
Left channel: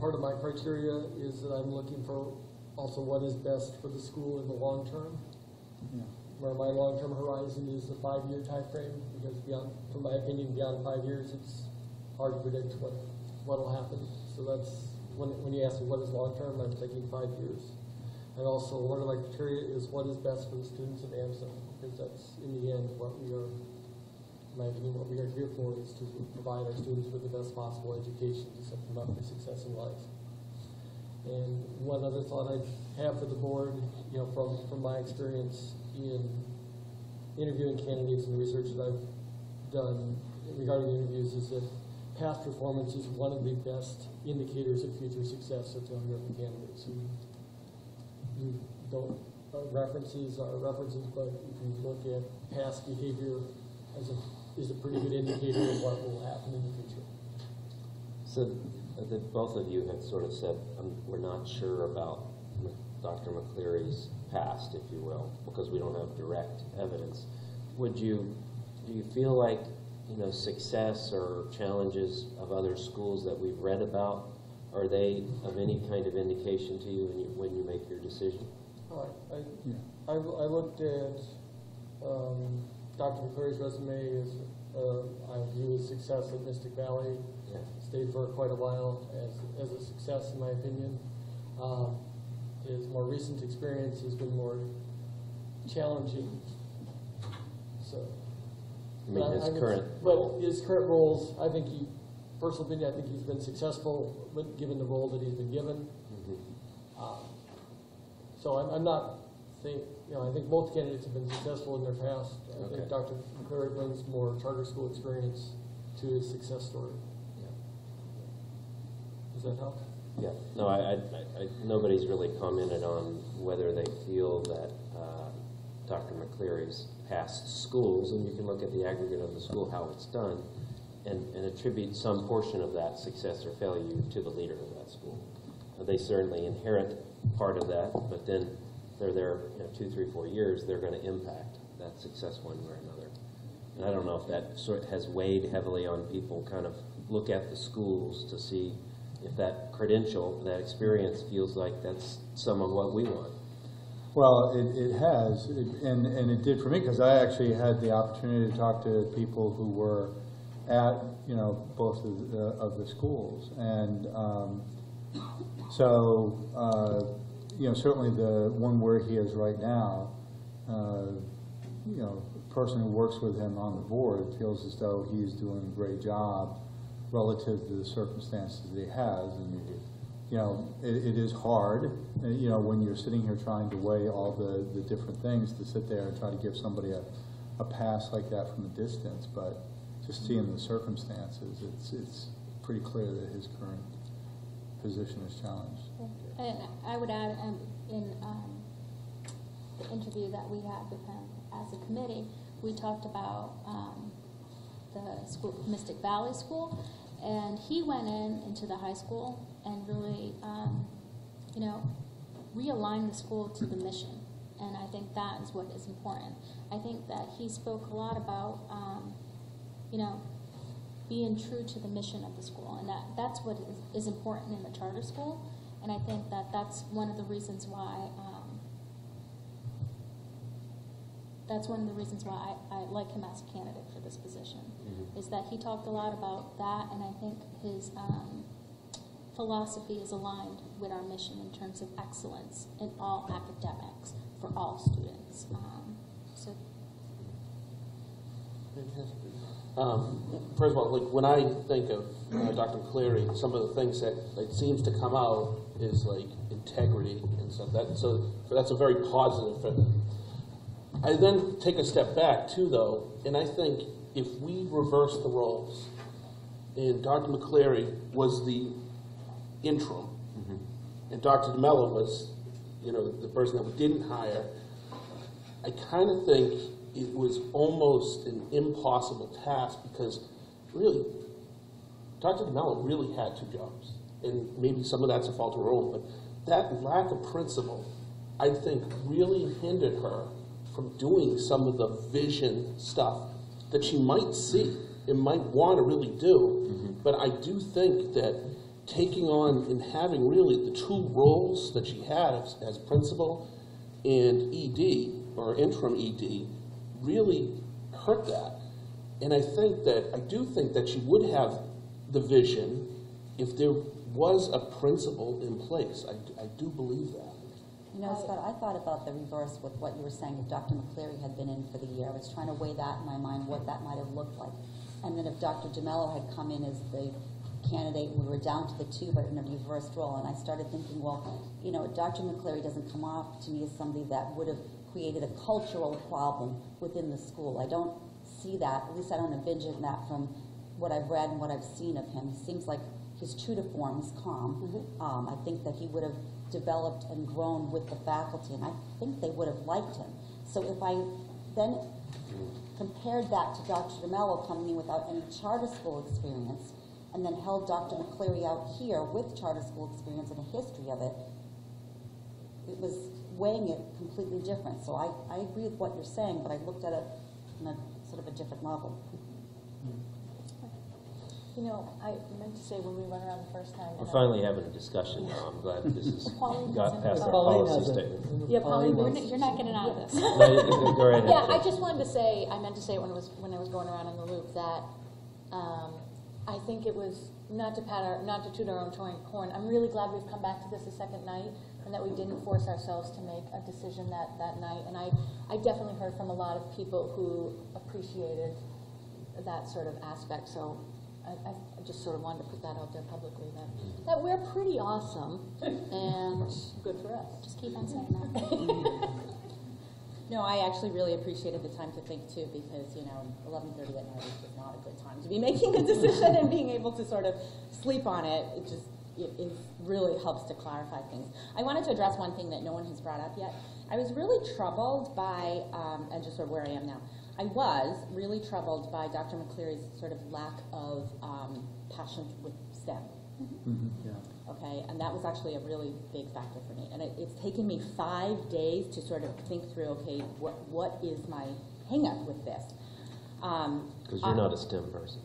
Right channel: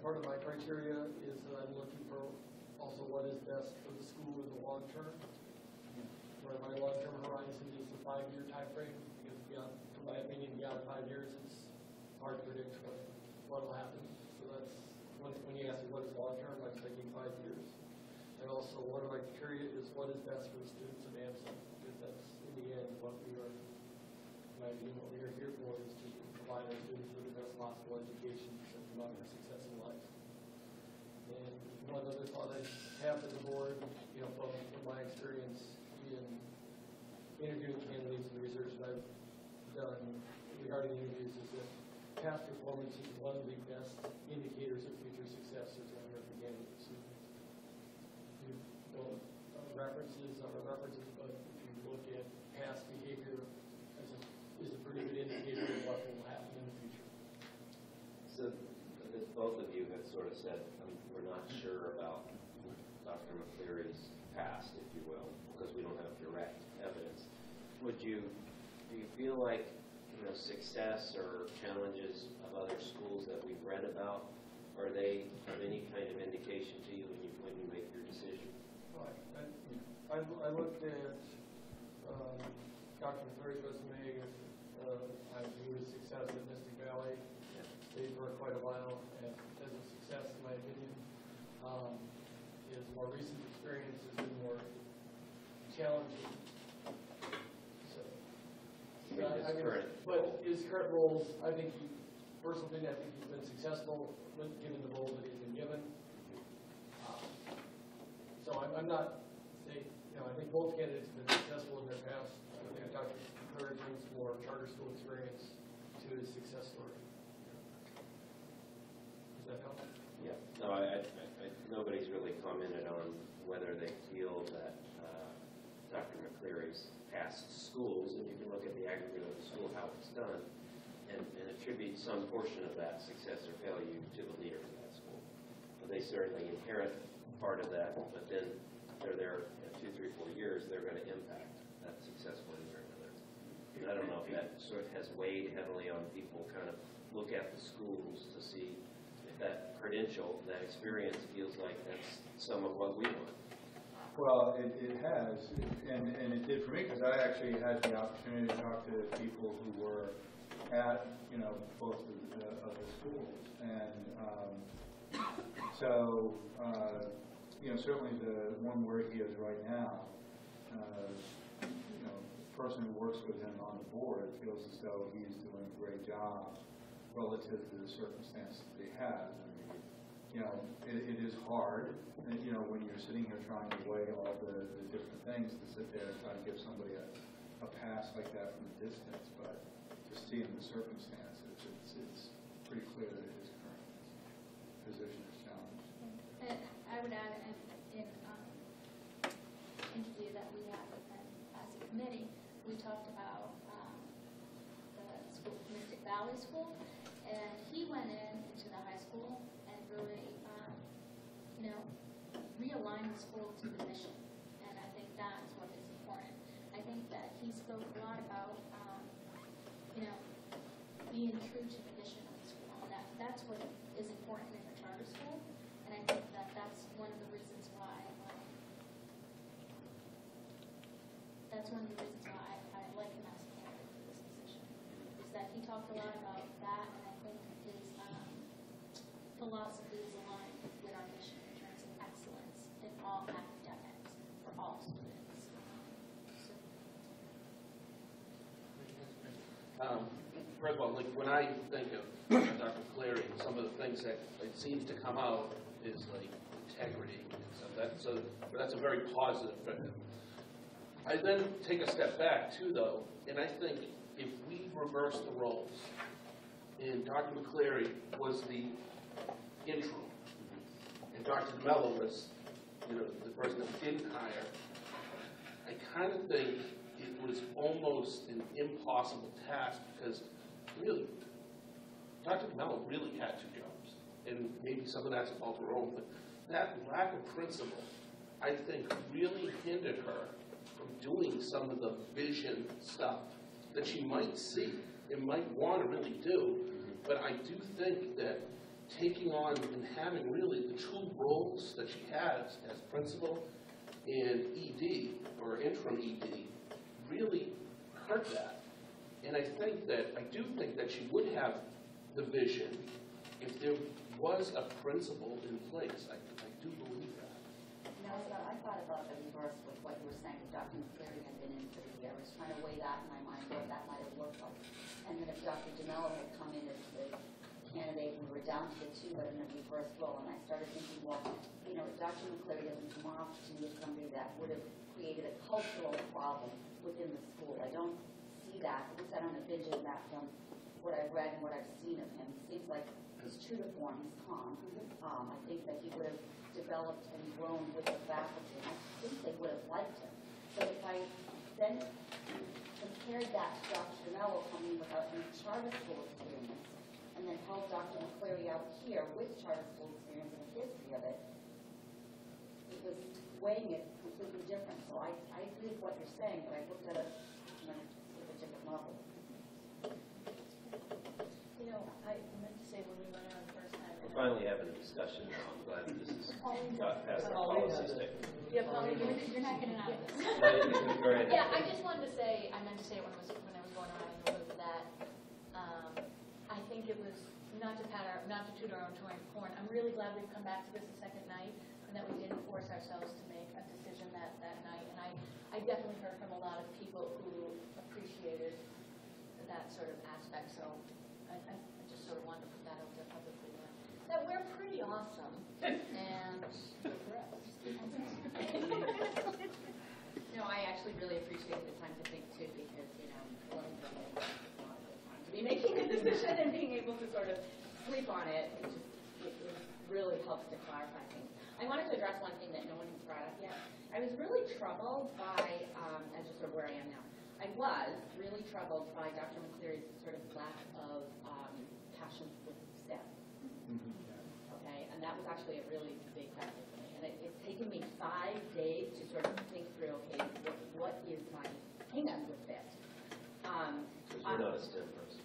Part of my criteria is that I'm looking for also what is best for the school in the long term. Where my long-term horizon is the 5-year time frame, because beyond, in my opinion, beyond 5 years, it's hard to predict what will happen. So that's when you ask me what is long-term, I'm thinking 5 years. And also, one of my criteria is what is best for the students of Amsac, because that's in the end what we are, in my opinion, what we are here for is to provide our students with the best possible education to set them up for success in life. And one other thought I have for the board, from my experience in interviewing candidates and research that I've done regarding interviews, is that past performance is one of the best indicators of future success of young candidates. You don't, references are references, but if you look at past behavior is a pretty good indicator of what will happen in the future. So both of you have sort of said, we're not sure about Dr. McCleary's past, if you will, because we don't have direct evidence. Do you feel like, success or challenges of other schools that we've read about, are they of any kind of indication to you when you make your decision? I looked at Dr. McCleary's resume as I view his success at Mystic Valley. Yeah. Stayed for quite a while as a success, in my opinion. His more recent experience has been more challenging. So, his current roles, I think personal opinion, I think he's been successful given the role that he's been given. So I'm not saying, I think both candidates have been successful in their past. I think Dr. McCleary brings more charter school experience to his success story. Does that help? Yeah. No, nobody's really commented on whether they feel that Dr. McCleary's past schools, and you can look at the aggregate of the school, how it's done, and attribute some portion of that success or failure to the leader of that school. They certainly inherit part of that, but then they're there 2, 3, 4 years, they're going to impact that success one way or another. And I don't know if that sort of has weighed heavily on people kind of look at the schools to see if that credential, that experience feels like that's some of what we want. Well, it has, and it did for me, because I actually had the opportunity to talk to people who were at, both of the schools. And so, certainly the one where he is right now, the person who works with him on the board feels as though he's doing a great job relative to the circumstances that he has. And, it is hard, when you're sitting here trying to weigh all the different things, to sit there and try to give somebody a pass like that from a distance. But just seeing the circumstances, it's pretty clear that his current position is challenged. And I would add, in the interview that we had with him as a committee, we talked about the school, Mystic Valley School, and he went into the high school and really, realigned the school to the mission. And I think that is what is important. I think that he spoke a lot about, being true to the mission of the school, and that's what is important in the charter school. And I think that that's one of the reasons why that's one of the reasons why I like him as a candidate for this position, is that he talked a lot about that, and I think his philosophy is aligned with our mission in terms of excellence in all academics for all students. So First of all, like when I think of Dr. Cleary, some of the things that it seems to come out is like integrity and stuff. So that's a very positive for him. I then take a step back too, though, and I think if we reverse the roles, and Dr. McCleary was the interim, and Dr. DeMello was, the person that we didn't hire, I kind of think it was almost an impossible task because really, Dr. DeMello really had 2 jobs. And maybe some of that's a fault of her own, but that lack of principle, I think, really hindered her from doing some of the vision stuff that she might see and might want to really do. But I do think that taking on and having really the 2 roles that she has as principal and ED, or interim ED, really hurt that. And I do think that she would have the vision if there was a principal in place. I do believe that. Scott, I thought about the reverse with what you were saying. If Dr. McCleary had been in for the year, I was trying to weigh that in my mind, what that might have looked like. And then if Dr. DeMello had come in as the candidate, we were down to the 2, but in a reversed role. And I started thinking, well, Dr. McCleary doesn't come off to me as somebody that would have created a cultural problem within the school. I don't see that, at least I don't envision that from what I've read and what I've seen of him. He seems like he's true to form, he's calm. I think that he would have developed and grown with the faculty, and I think they would have liked him. So if I then compared that to Dr. DeMello coming in without any charter school experience, and then held Dr. McCleary out here with charter school experience and a history of it, it was weighing it completely different. So I agree with what you're saying, but I looked at it on a sort of a different level. I meant to say when we went around the first time. We're finally having a discussion now. I'm glad this has got past our Pauline policy has it. statement. yeah, Pauline, you're not getting out of this. No, you can go right ahead. Yeah, I Jim. just wanted to say, I meant to say it when I was going around in the loop that I think it was not to toot our own horn. I'm really glad we've come back to this a second night and that we didn't force ourselves to make a decision that night. And I definitely heard from a lot of people who appreciated that sort of aspect. So I just sort of wanted to put that out there publicly, that we're pretty awesome and good for us. Just keep on saying that. No, I actually really appreciated the time to think too, because 11:30 at night is not a good time to be making a decision, and being able to sort of sleep on it, it really helps to clarify things. I wanted to address one thing that no one has brought up yet. I was really troubled by, and just sort of where I am now. I was really troubled by Dr. McCleary's sort of lack of passion with STEM. Okay, and that was actually a really big factor for me. And it's taken me 5 days to sort of think through, okay, what is my hang-up with this? Because you're not a STEM person.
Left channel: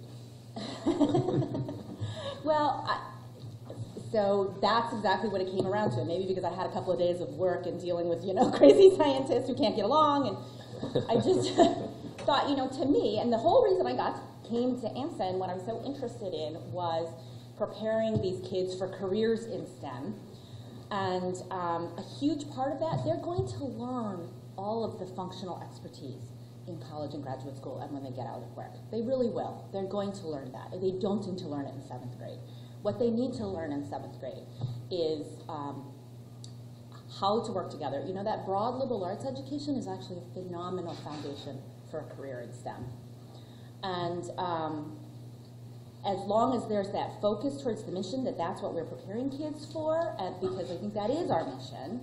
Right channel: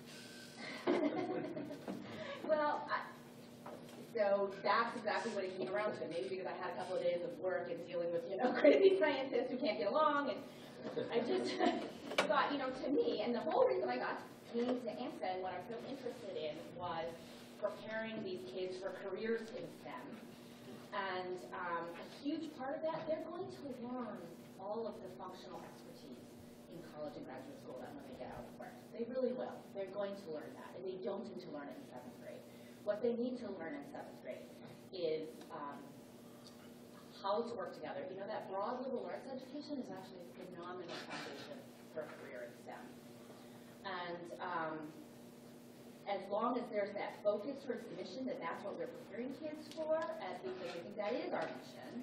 Well, so that's exactly what it came around to. Maybe because I had a couple of days of work and dealing with, crazy scientists who can't get along, and I just thought, to me, and the whole reason I came to AMSA and what I'm so interested in was preparing these kids for careers in STEM. And a huge part of that, they're going to learn all of the functional expertise in college and graduate school and when they get out of work. They really will. They're going to learn that. They don't need to learn it in 7th grade. What they need to learn in 7th grade is how to work together. That broad liberal arts education is actually a phenomenal foundation for a career in STEM. And as long as there's that focus towards the mission, that's what we're preparing kids for, because I think that is our mission,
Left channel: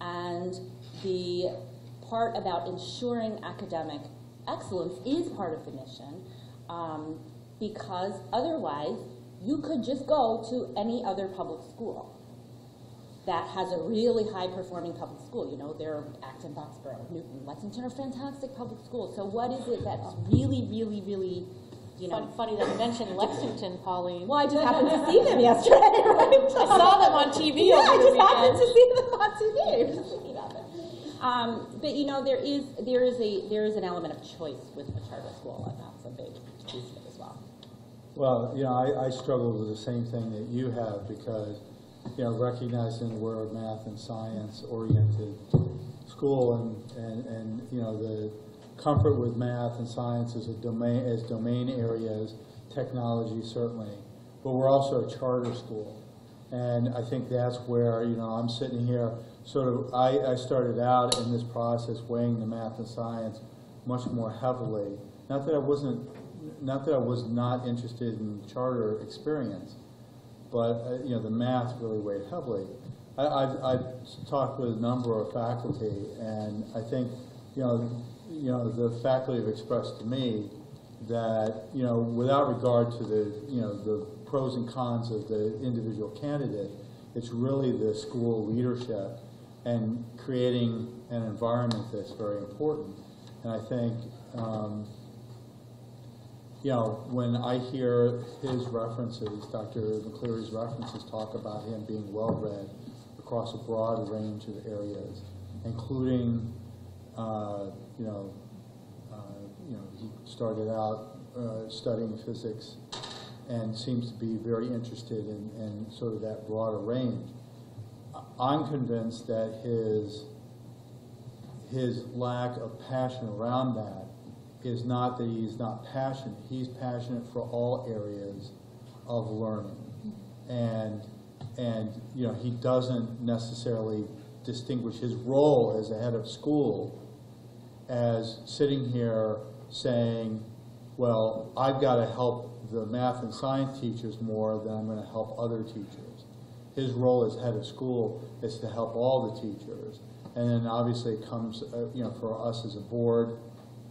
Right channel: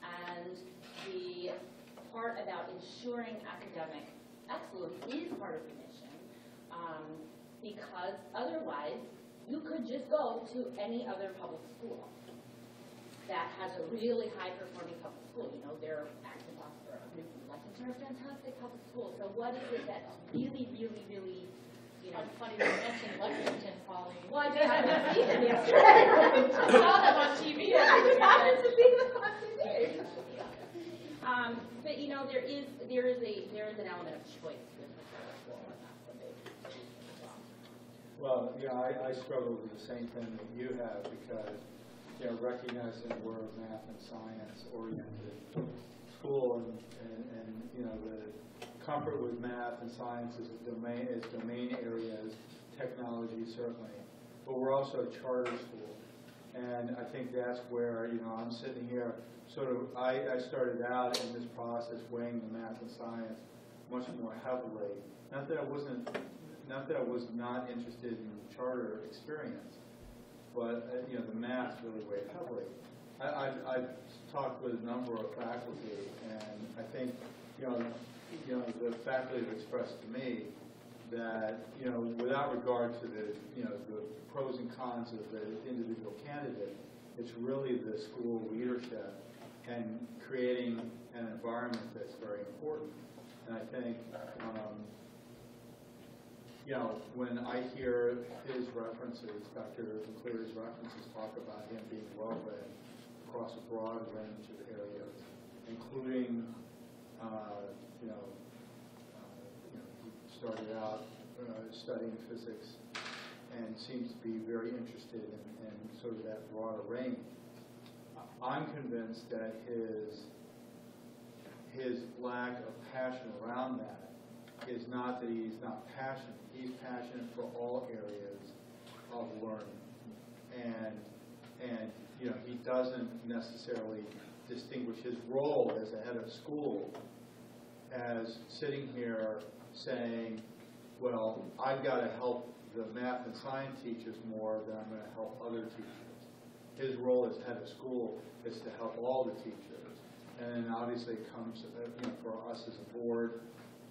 and the part about ensuring academic excellence is part of the mission, because otherwise you could just go to any other public school that has a really high-performing public school. There are Acton, Boxborough, Newton, Lexington are fantastic public schools. So what is it that's really, really, really, Funny that you mentioned Lexington, Pauline. Well, I just happened to see them yesterday. Right? I saw them on TV. Yeah, I just happened to see them on TV. But you know, there is an element of choice with the charter school, and that's a big piece of it as well. Well, you know, I struggle with the same thing that you have because, you know, recognizing we're a math and science oriented school and you know, the comfort with math and science as domain areas, technology certainly, but we're also a charter school. And I think that's where, you know, I'm sitting here, sort of, I started out in this process weighing the math and science much more heavily. Not that I was not interested in charter experience, but you know, the math really weighed heavily. I've talked with a number of faculty, and I think, you know, the faculty have expressed to me that, you know, without regard to the, you know, the pros and cons of the individual candidate, it's really the school leadership and creating an environment that's very important. And I think, you know, when I hear his references, Dr. McCleary's references talk about him being well-read across a broad range of areas, including, you know, he started out studying physics and seems to be very interested in sort of that broader range. I'm convinced that his lack of passion around that is not that he's not passionate. He's passionate for all areas of learning. And you know, he doesn't necessarily distinguish his role as a head of school as sitting here saying, well, I've got to help the math and science teachers more than I'm going to help other teachers. His role as head of school is to help all the teachers. And then obviously it comes, you know, for us as a board,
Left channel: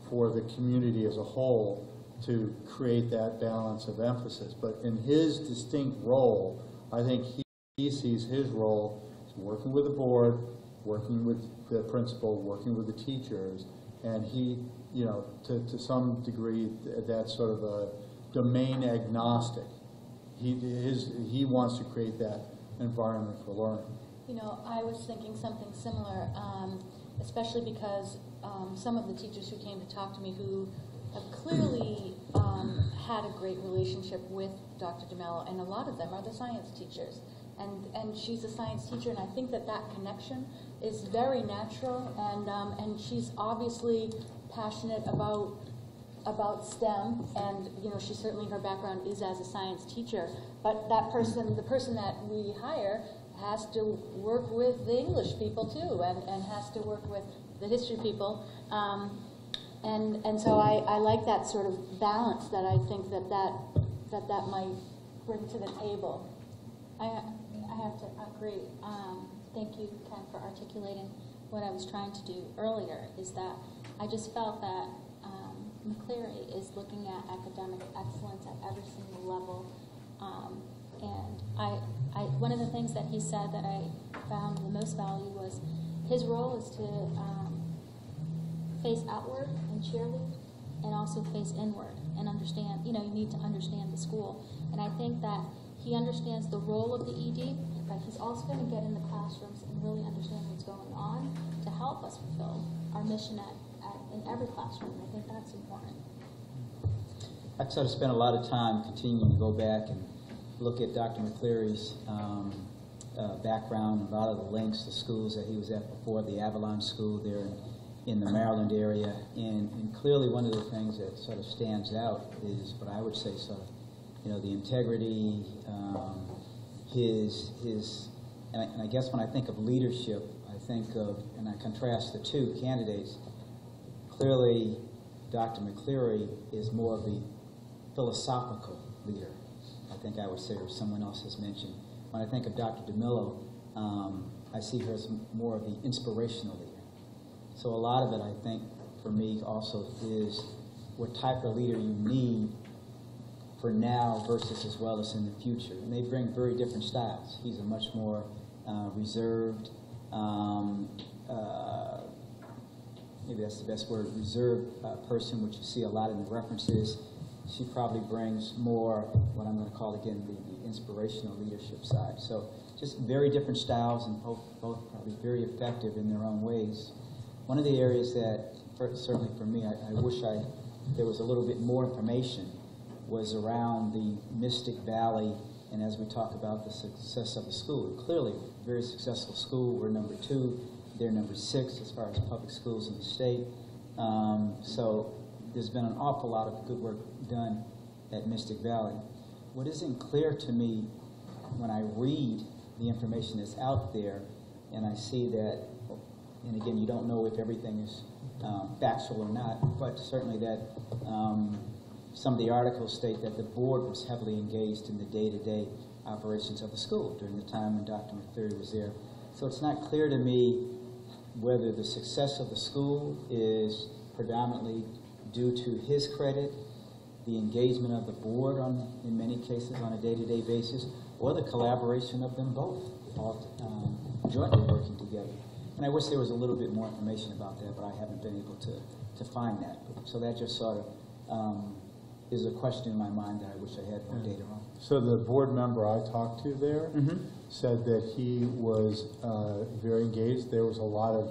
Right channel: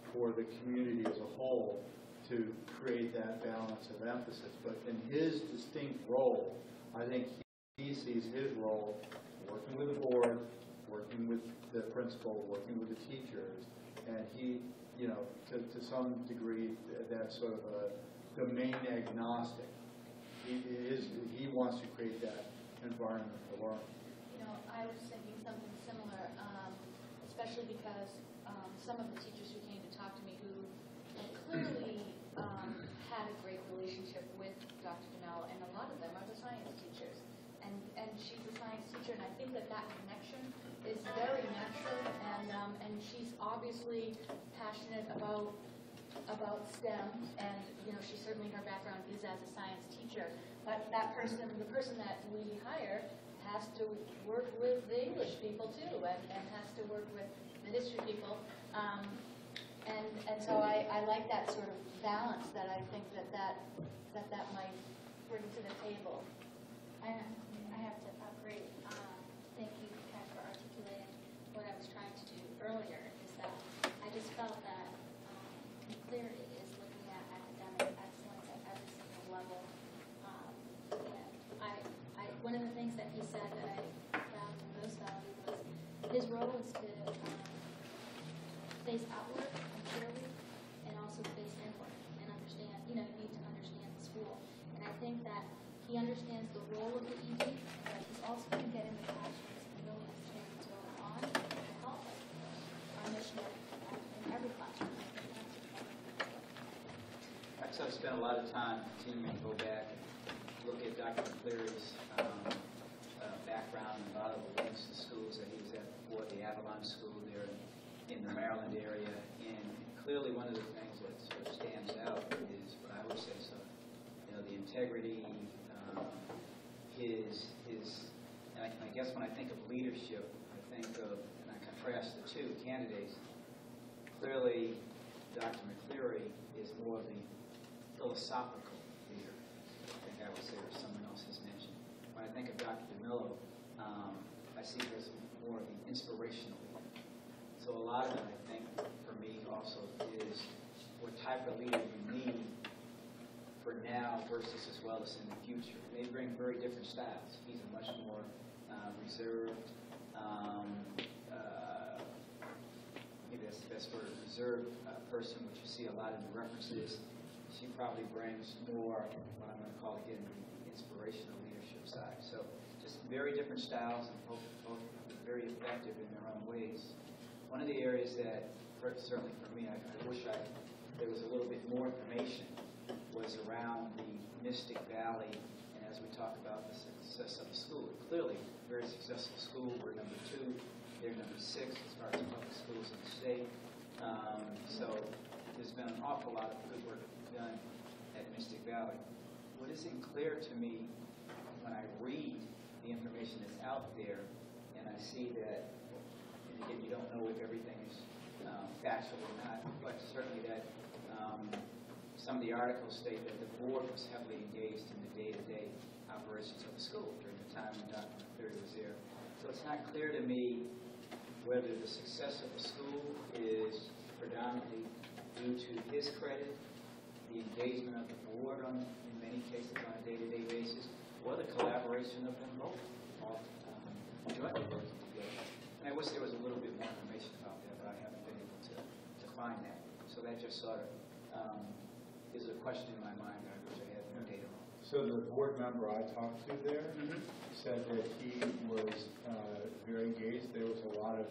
for the community as a whole, to create that balance of emphasis. But in his distinct role, I think he sees his role as working with the board, working with the principal, working with the teachers, and he, you know, to some degree, that's sort of a domain agnostic. He wants to create that environment for learning. You know, I was thinking something similar, especially because some of the teachers who came to talk to me who have clearly had a great relationship with Dr. DeMello, and a lot of them are the science teachers. And she's a science teacher, and I think that connection is very natural, and she's obviously passionate about STEM, and you know, she certainly, her background is as a science teacher, but the person that we hire has to work with the English people too, and has to work with the history people, and so I like that sort of balance that I think that might bring to the table. I have to agree. Thank you, Ken, for articulating what I was trying to do earlier, is that I just felt that McCleary is looking at academic excellence at every single level. And one of the things that he said that I found the most value was his role is to face outward and cheerlead, and also face inward and understand, you know, you need to understand the school. And I think that he understands the role of the ED, but he's also going to get in the classrooms and really understand what's going on to help us fulfill our mission in every classroom. I think that's important. I've sort of spent a lot of time continuing to go back and look at Dr. McCleary's background, a lot of the links to schools that he was at before, the Avalon School there in the Maryland area, and clearly one of the things that sort of stands out is what I would say sort of, you know, the integrity, and I guess when I think of leadership, I think of, and I contrast the two candidates, clearly Dr. McCleary is more of the philosophical leader, I think I would say, or someone else has mentioned. When I think of Dr. DeMello, I see her as more of the inspirational leader. So a lot of it, I think, for me also is what type of leader you need for now versus as well as in the future. And they bring very different styles. He's a much more reserved, maybe that's the best word, reserved person, which you see a lot in the references. She probably brings more, what I'm going to call again, the inspirational leadership side. So just very different styles, and both probably very effective in their own ways. One of the areas that, certainly for me, I wish there was a little bit more information, was around the Mystic Valley, and as we talk about the success of the school. Clearly, very successful school. We're number 2. They're number 6 as far as public schools in the state. So there's been an awful lot of good work done at Mystic Valley. What isn't clear to me when I read the information that's out there, and I see that, and again, you don't know if everything is factual or not, but certainly that some of the articles state that the board was heavily engaged in the day-to-day operations of the school during the time when Dr. McCleary was there. So it's not clear to me whether the success of the school is predominantly due to his credit, the engagement of the board in many cases on a day-to-day basis, or the collaboration of them both, all jointly working together. And I wish there was a little bit more information about that, but I haven't been able to find that. So that just sort of is a question in my mind that I wish I had more data on. So the board member I talked to there said that he was very engaged. There was a lot of,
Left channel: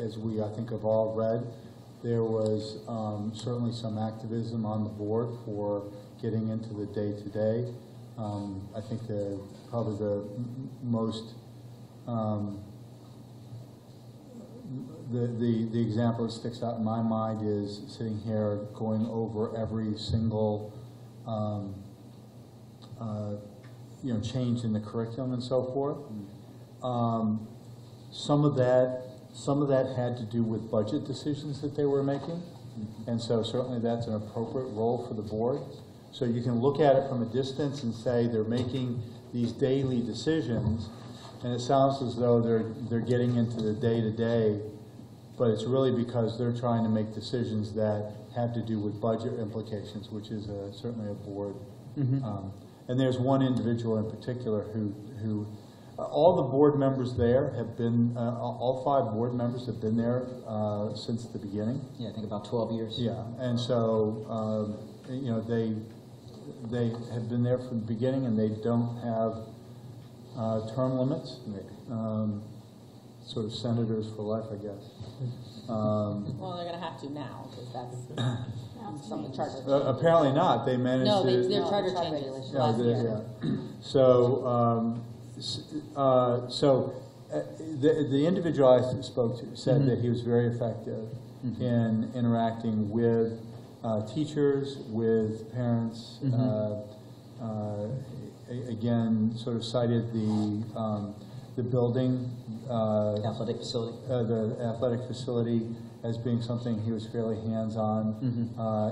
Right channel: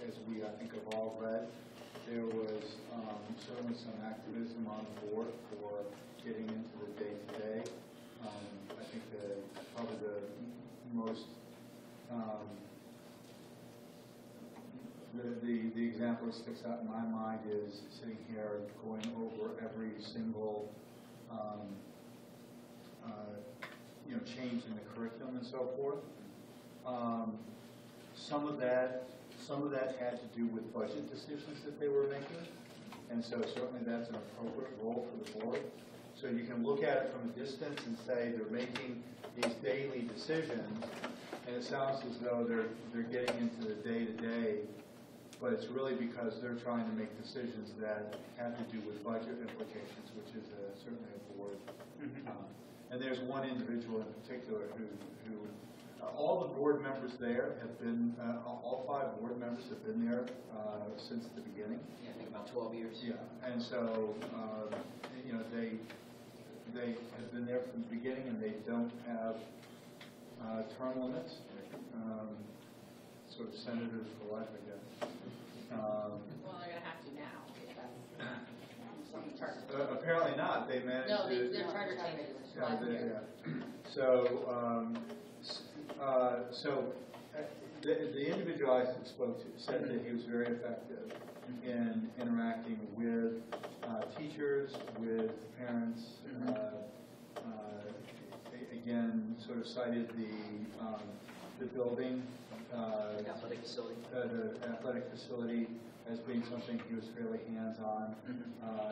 as we, I think, have all read, there was certainly some activism on the board for getting into the day-to-day. I think probably the most, the example that sticks out in my mind is sitting here going over every single change in the curriculum and so forth. Some of that had to do with budget decisions that they were making, and so certainly that's an appropriate role for the board. So you can look at it from a distance and say they're making these daily decisions, and it sounds as though they're getting into the day-to-day, but it's really because they're trying to make decisions that have to do with budget implications, which is certainly a board. And there's one individual in particular who all the board members there have been, all 5 board members have been there since the beginning. Yeah, I think about 12 years. Yeah, and so, they have been there from the beginning, and they don't have term limits. Sort of senators for life, I guess. Well, they're going to have to now, because that's something charter. Apparently not. They managed No, to. their charter changes Yeah, last year. yeah. So, the individual I spoke to said that he was very effective in interacting with teachers, with parents. Again, sort of cited the building, Athletic facility. the athletic facility as being something he was fairly hands-on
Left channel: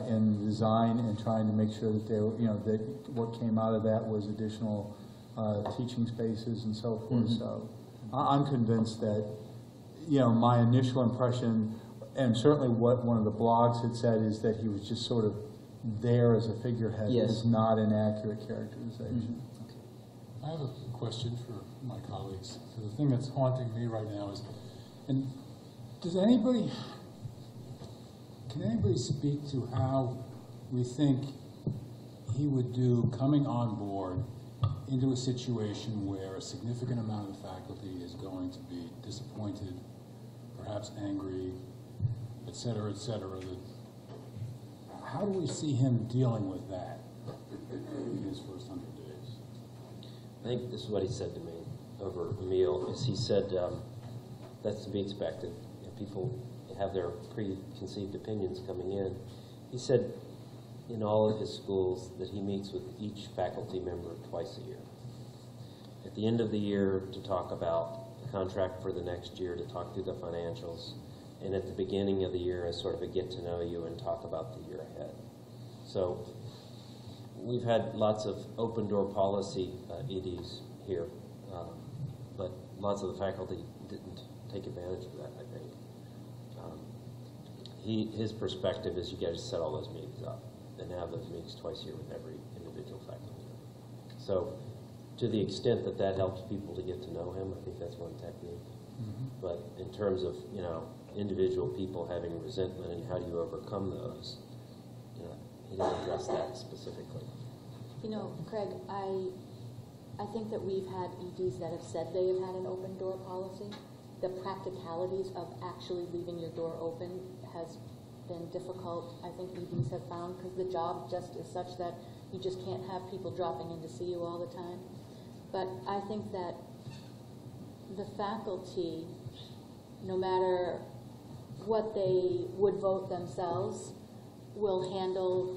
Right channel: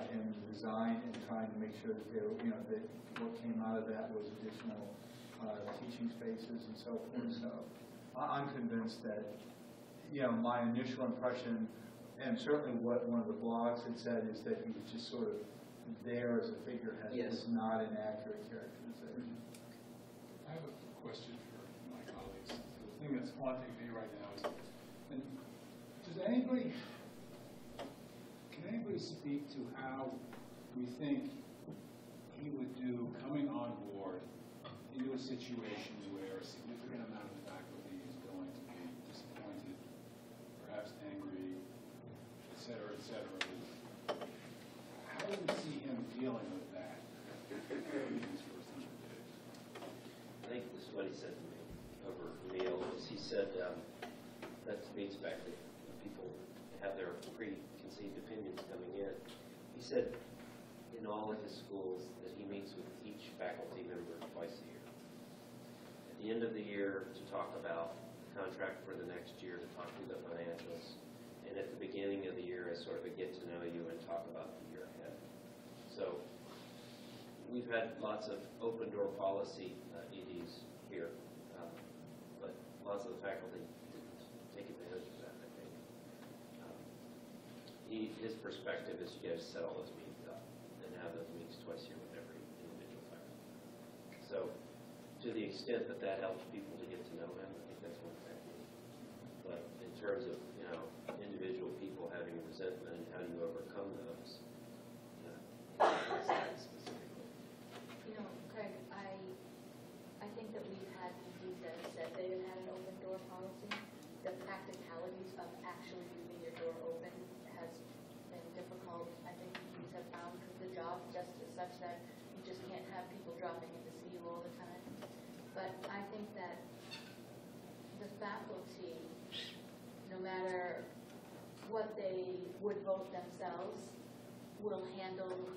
in the design, and trying to make sure that they were, that what came out of that was additional teaching spaces and so forth. So I'm convinced that, my initial impression, and certainly what one of the blogs had said, is that he was just sort of there as a figurehead. Yes. Is not an accurate characterization. I have a question for my colleagues. So the thing that's haunting me right now is, and can anybody speak to how we think he would do coming on board into a situation where a significant amount of the faculty is going to be disappointed, perhaps angry, et cetera, how do we see him dealing with that in his first 100 days? I think this is what he said to me over a meal, is he said, that's to be expected. People have their preconceived opinions coming in. He said in all of his schools that he meets with each faculty member twice a year. At the end of the year to talk about the contract for the next year, to talk through the financials, and at the beginning of the year as sort of a get to know you and talk about the year ahead. So we've had lots of open door policy EDs here, but lots of the faculty didn't take advantage of that, I think. His perspective is you got to set all those meetings up and have those meetings twice a year with every individual faculty. So to the extent that that helps people to get to know him, I think that's one technique. But in terms of, individual people having resentment and how do you overcome those, he didn't address that specifically. Craig, I think that we've had EDs that have said they have had an open door policy, the practicalities of actually leaving your door open has been difficult, I think EDs have found, because the job just is such that you just can't have people dropping in to see you all the time. But I think that the faculty, no matter what they would vote themselves, will handle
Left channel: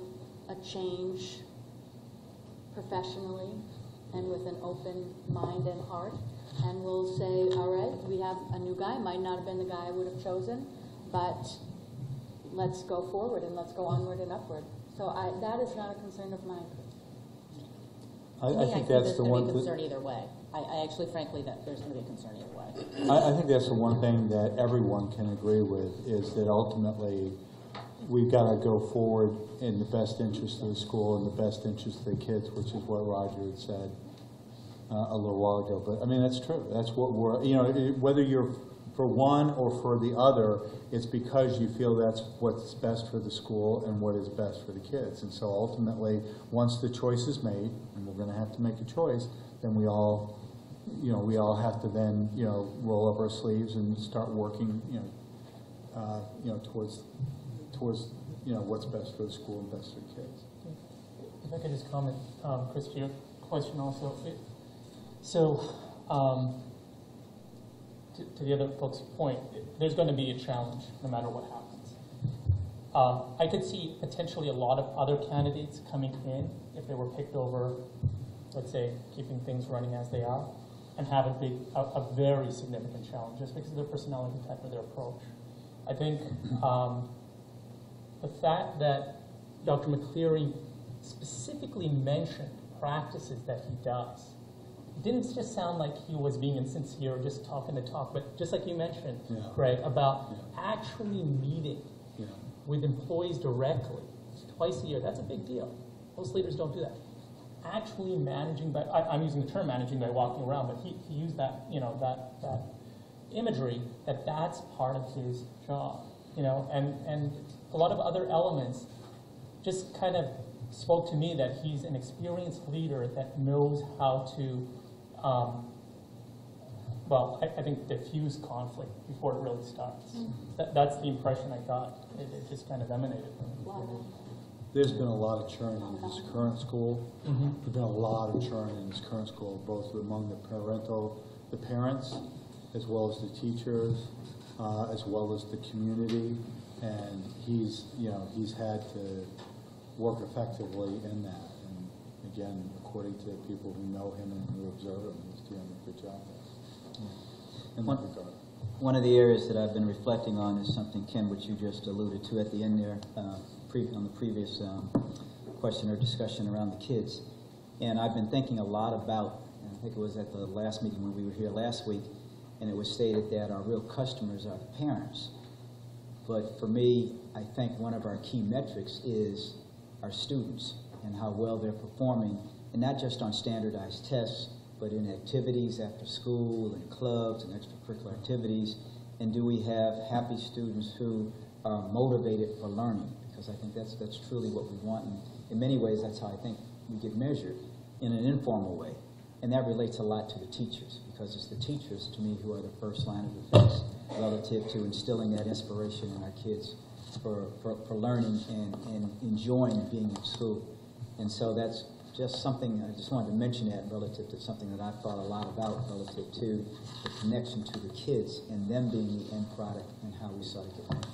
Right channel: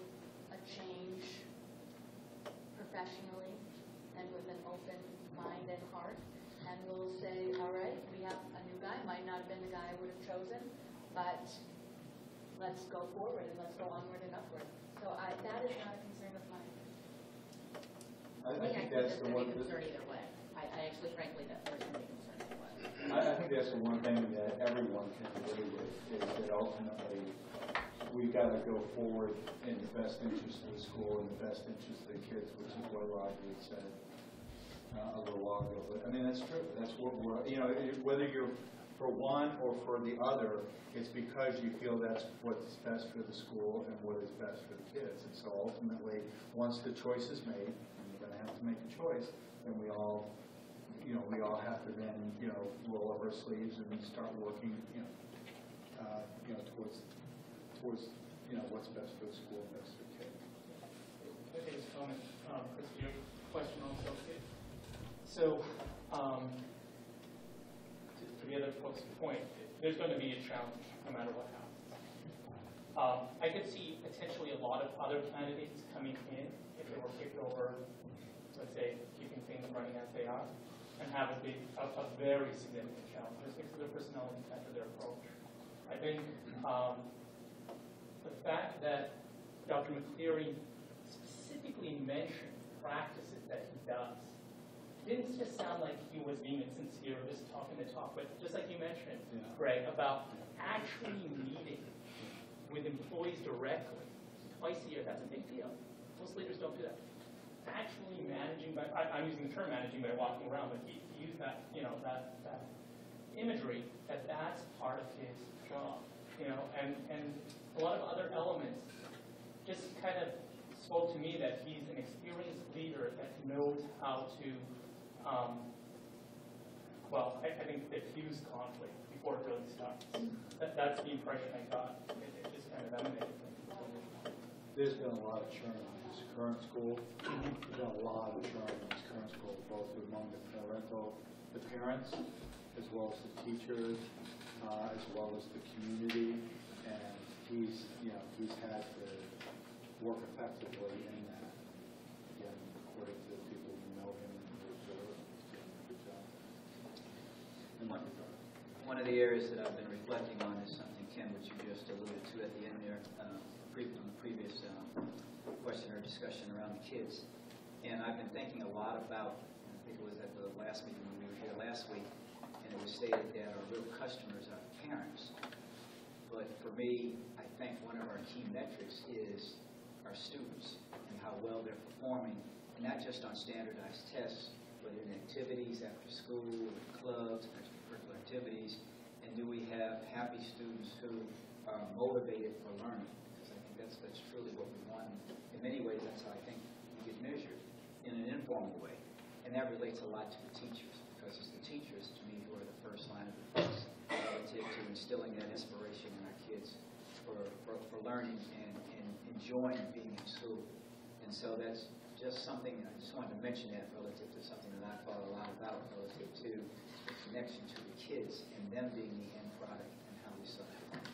a change professionally and with an open mind and heart, and will say, all right, we have a new guy, might not have been the guy I would have chosen, but let's go forward and let's go onward and upward. So that is not a concern of mine. I think that's the one. There's going to be concern either way. I actually, frankly, that there's going to be concern either way. I think that's the one thing that everyone can agree with, is that ultimately we've got to go forward in the best interest of the school and the best interest of the kids, which is what Roger had said a little while ago. But I mean, that's true. That's what we're, you know, whether you're for one or for the other, it's because you feel that's what's best for the school and what is best for the kids. And so ultimately, once the choice is made, and we're going to have to make a choice, then we all, you know, we all have to then, you know, roll up our sleeves and start working, towards, you know, what's best for the school and best for the kids. If I could just comment, Chris, to your question also. To the other folks' point, there's going to be a challenge no matter what happens. I could see potentially a lot of other candidates coming in if they were picked over, let's say, keeping things running as they are, and have a very significant challenge just because of their personality type or their approach. I think the fact that Dr. McCleary specifically mentioned practices that he does, it didn't just sound like he was being insincere or just talking the talk, but just like you mentioned, Greg, about actually meeting with employees directly twice a year. That's a big deal. Most leaders don't do that. Actually managing by, I'm using the term managing by walking around, but he used that, you know, that imagery, that's part of his job, you know, and a lot of other elements just kind of spoke to me that he's an experienced leader that knows how to, I think diffuse conflict before it really starts. That's the impression I got. It just kind of emanated from him. There's been a lot of churn in this current school. There's been a lot of churn in this current school, both among the parents, as well as the teachers, as well as the community. And he's had to work effectively in that. And again, according to people who know him and who observe him, he's doing a good job in that regard. One of the areas that I've been reflecting on is something, Ken, which you just alluded to at the end there, on the previous question or discussion around the kids. And I've been thinking a lot about, I think it was at the last meeting when we were here last week, and it was stated that our real customers are the parents. But for me, I think one of our key metrics is our students and how well they're performing, and not just on standardized tests, but in activities after school and clubs and extracurricular activities. And do we have happy students who are motivated for learning? Because I think that's truly what we want. And in many ways, that's how I think we get measured, in an informal way. And that relates a lot to the teachers, because it's the teachers, to me, who are the first line of defense relative to instilling that inspiration in our kids for learning and enjoying being in school. And so that's just something, I just wanted to mention that relative to something that I've thought a lot about relative to the connection to the kids and them being the end product and how we sort of get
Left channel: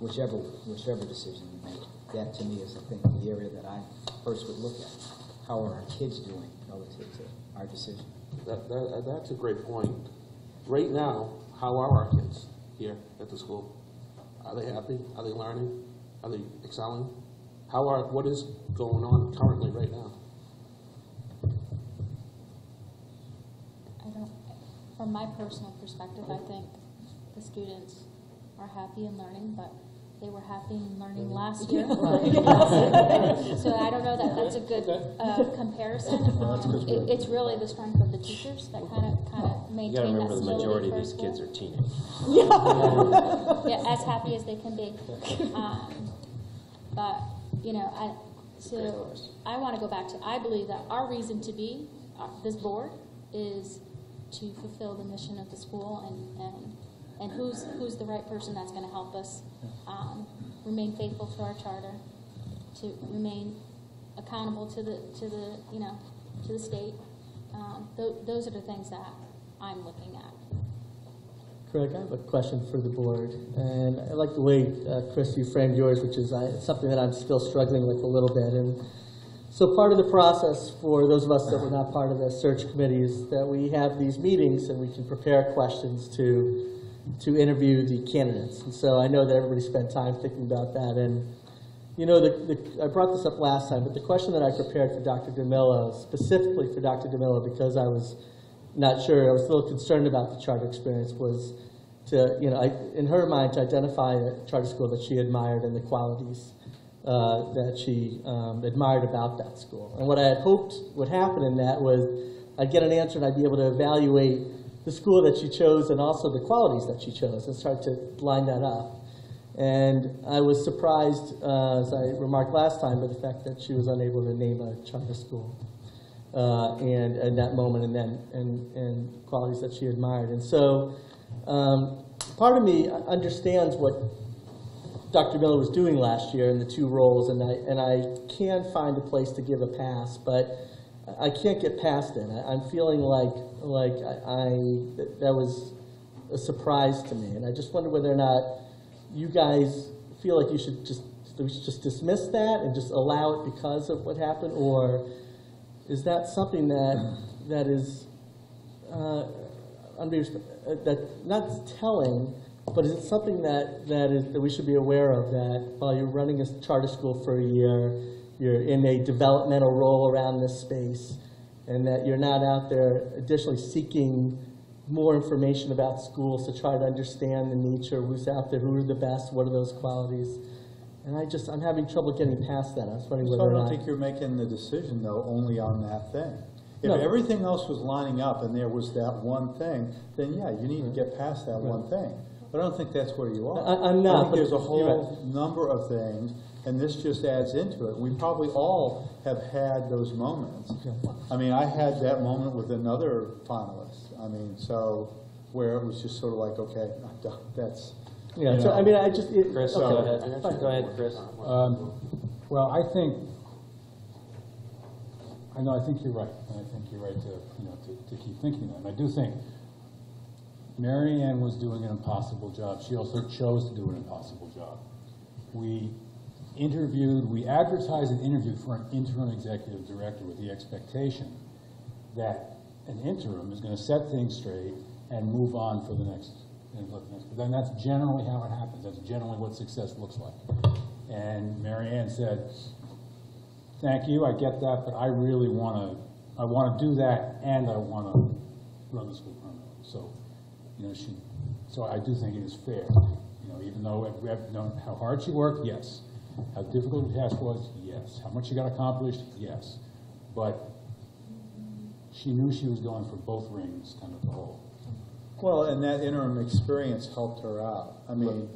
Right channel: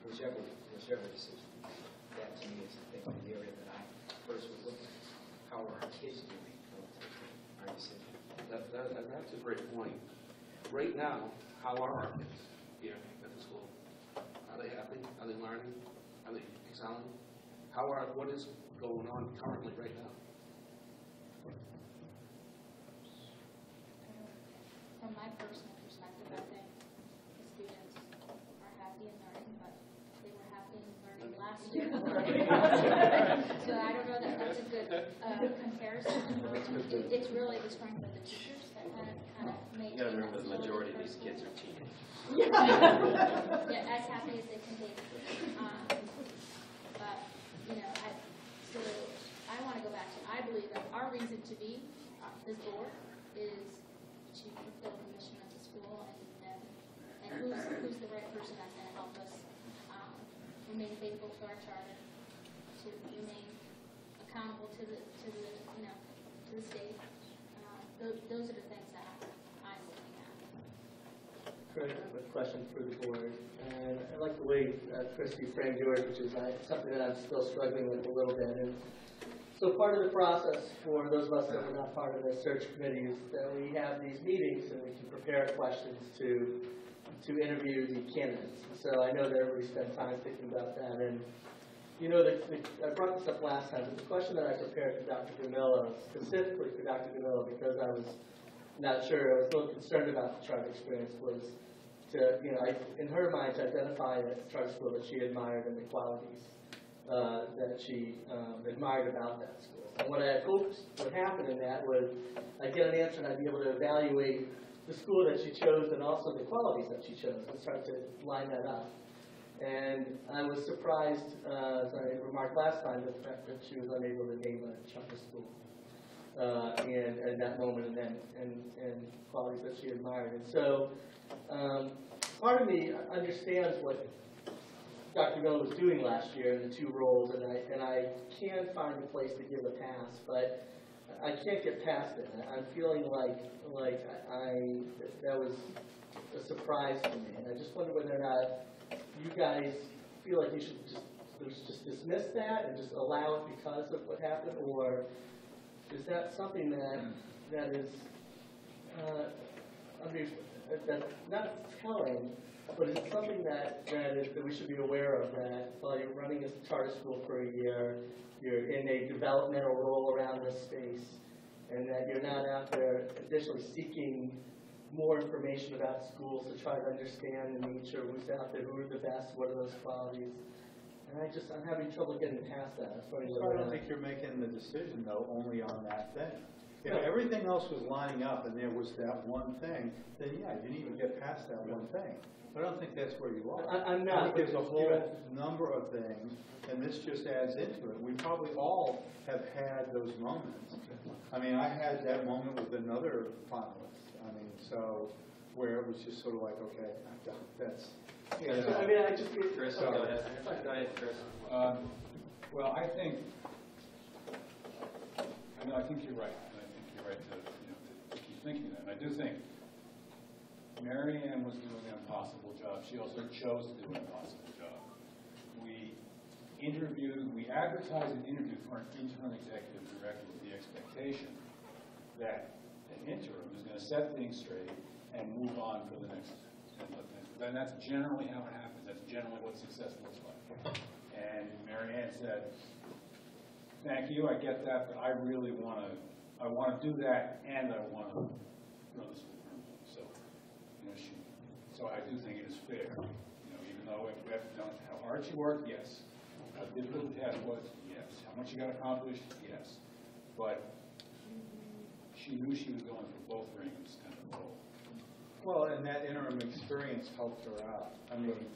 whichever decision we make. That to me is, I think, the area that I first would look at. How are our kids doing relative to our decision? That's a great point. Right now, how are our kids here at the school? Are they happy? Are they learning? Are they excelling? What is going on currently right now? From my personal perspective, I think the students are happy in learning, but they were happy in learning last year. So I don't know that that's a good comparison. It's really the strength of the teachers that kind of maintain You gotta remember that the stability majority of for these school. kids are teenagers. Yeah, as happy as they can be. But, you know, I want to go back to, I believe that our reason to be, this board, is to fulfill the mission of the school, and who's the right person that's going to help us remain faithful to our charter, to remain accountable to the state. Those are the things that I'm looking at. Greg, I have a question for the board, and I like the way, Chris, you framed yours, which is something that I'm still struggling with a little bit. And so part of the process for those of us that were not part of the search committee is that we have these meetings and we can prepare questions to interview the candidates. And so I know that everybody spent time thinking about that. And I brought this up last time, but the question that I prepared for Dr. DeMillo, specifically for Dr. DeMillo, because I was not sure, I was a little concerned about the charter experience, was to, in her mind, to identify a charter school that she admired and the qualities that she admired about that school. And what I had hoped would happen in that was I'd get an answer and I'd be able to evaluate the school that she chose and also the qualities that she chose and start to line that up. And I was surprised, as I remarked last time, with the fact that she was unable to name a charter school and in that moment, and qualities that she admired. And so part of me understands what Dr. Miller was doing last year in the two roles, and I can find a place to give a pass, but I can't get past it. I'm feeling like that was a surprise to me, and I just wonder whether or not you guys feel like we should just dismiss that and just allow it because of what happened, or is that something that is not telling, but is it something that we should be aware of, that while you're running a charter school for a year, you're in a developmental role around this space, and that you're not out there additionally seeking more information about schools to try to understand the nature of who's out there, who are the best, what are those qualities. And I'm having trouble getting past that. I was wondering whether So I or don't not. think you're making the decision, though, only on that thing. If No. everything else was lining up and there was that one thing, then yeah, you need to get past that one thing. But I don't think that's where you are. I'm not, I think but there's a you're whole number of things, and this just adds into it. We probably all have had those moments. I mean, I had that moment with another finalist. I mean, so where it was just sort of like, okay, that's. Yeah, so I mean, I just. Chris, okay. go ahead. Go ahead, Chris. Well, I think you're right, and I think you're right to keep thinking that. And I do think Mary Ann was doing an impossible job. She also chose to do an impossible job. We advertised an interview for an interim executive director with the expectation that an interim is going to set things straight and move on for the next. Then that's generally how it happens. That's generally what success looks like. And Mary Ann said, "Thank you, I get that, but I really want to do that, and I want to run the school permanently." So, so I do think it is fair. Even though we have known how hard she worked, yes. How difficult the task was, yes. How much she got accomplished, yes. But she knew she was going for both rings, kind of the whole. Well, and that interim experience helped her out. I mean,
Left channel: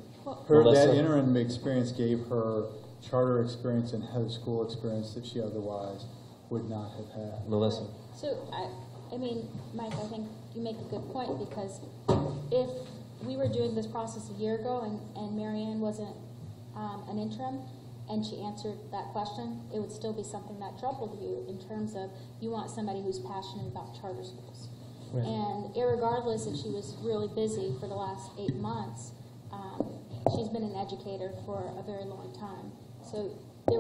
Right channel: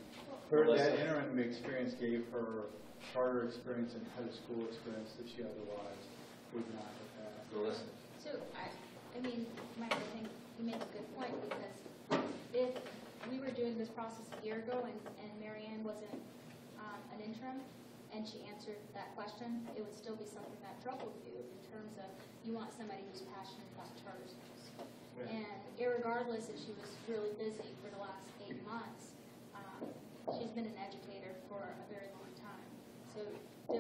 Melissa. that interim experience gave her charter experience and head of school experience that she otherwise would not have had. Melissa. So, I mean, Mike, I think you make a good point, because if we were doing this process a year ago and Mary Ann wasn't an interim and she answered that question, it would still be something that troubled you in terms of you want somebody who's passionate about charter schools. Right. And irregardless if she was really busy for the last 8 months, she's been an educator for a very long time. So I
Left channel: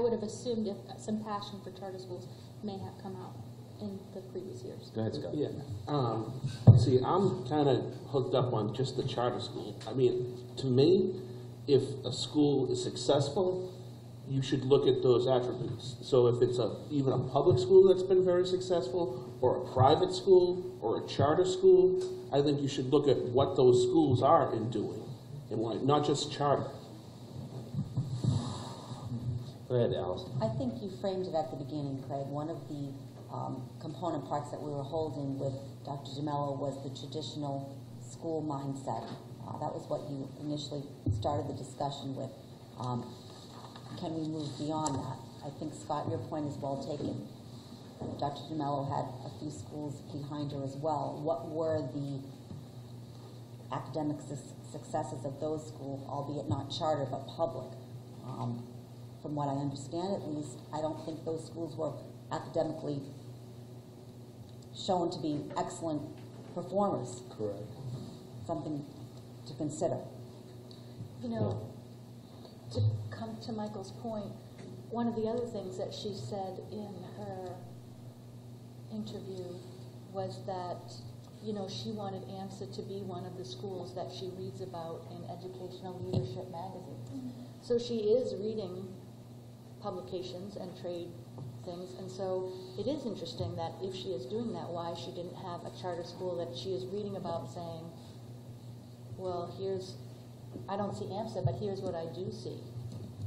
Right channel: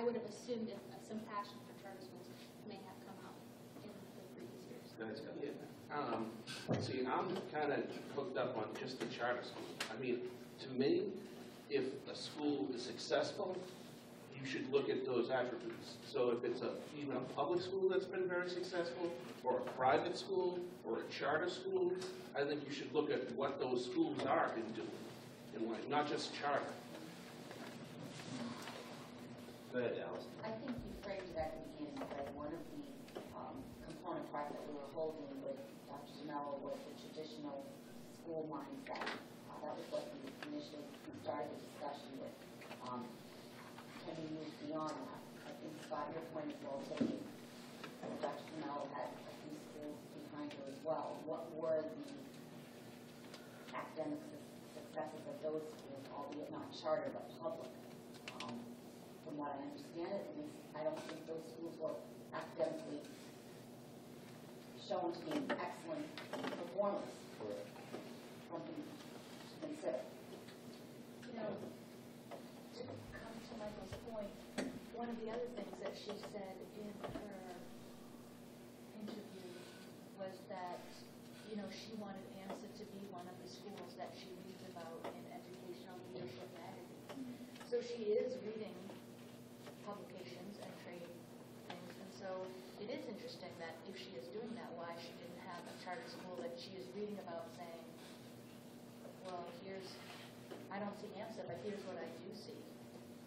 would have assumed if some passion for charter schools may have come out in the previous years. Go ahead, Scott. Yeah. See, I'm kind of hooked up on just the charter school. I mean, to me, if a school is successful, you should look at those attributes. So if it's even a public school that's been very successful, or a private school, or a charter school, I think you should look at what those schools are in doing, and why, not just charter. Go ahead, Alice. I think you framed it at the beginning, Craig. One of the component parts that we were holding with Dr. DeMello was the traditional school mindset. That was what you initially started the discussion with. Can we move beyond that? I think, Scott, your point is well taken. Dr. DeMello had a few schools behind her as well. What were the academic successes of those schools, albeit not charter but public? From what I understand, at least, I don't think those schools were academically shown to be excellent performers. Correct. Something to consider. You know, to come to Michael's point, one of the other things that she said in her interview was that, you know, she wanted AMSA to be one of the schools that she reads about in Educational Leadership magazine. So she is reading publications and trade things, and so it is interesting that if she is doing that, why she didn't have a charter school that she is reading about saying, well, here's, I don't see AMSA, but here's what I do see.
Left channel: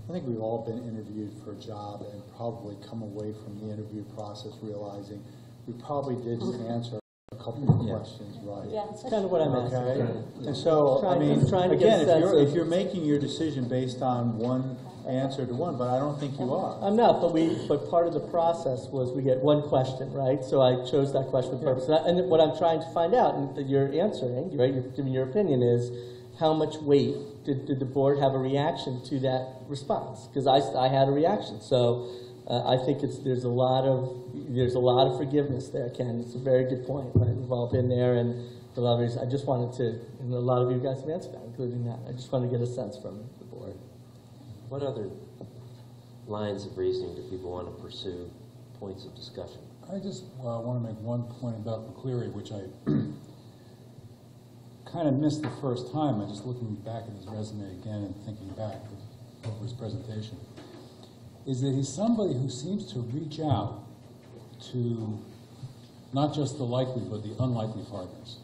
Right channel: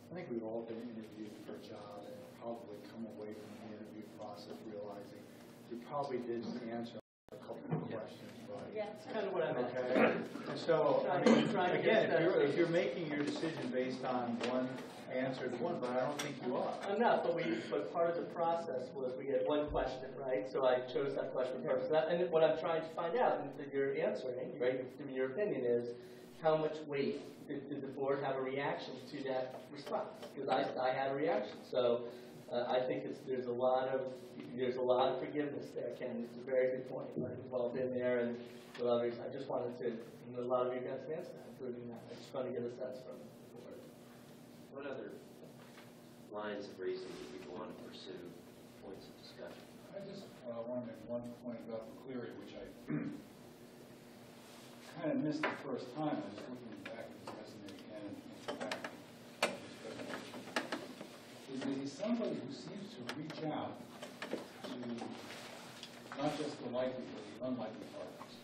I think we've all been interviewed for a job and probably come away from the interview process realizing we probably didn't answer a couple of questions right. Yeah, That's kind of what I'm asking. Okay, and so, I mean, Trying to get a again, sense of- if you're making your decision based on one answer to one, but I don't think you are. I'm not, but part of the process was we get one question, right? So I chose that question for purpose. And what I'm trying to find out, and that you're answering, right, you're giving your opinion, is how much weight did the board have a reaction to that response? Because I had a reaction. So I think there's a lot of forgiveness there, Ken. It's a very good point. Right? We've all been there, and a lot of reasons. I just wanted to, and a lot of you guys have answered that, including that. I just want to get a sense from the board. What other lines of reasoning do people want to pursue, points of discussion? I just want to make one point about McCleary, which I kind of missed the first time. I just looking back at his resume again and thinking back to his presentation, is that he's somebody who seems to reach out to not just the likely but the unlikely partners.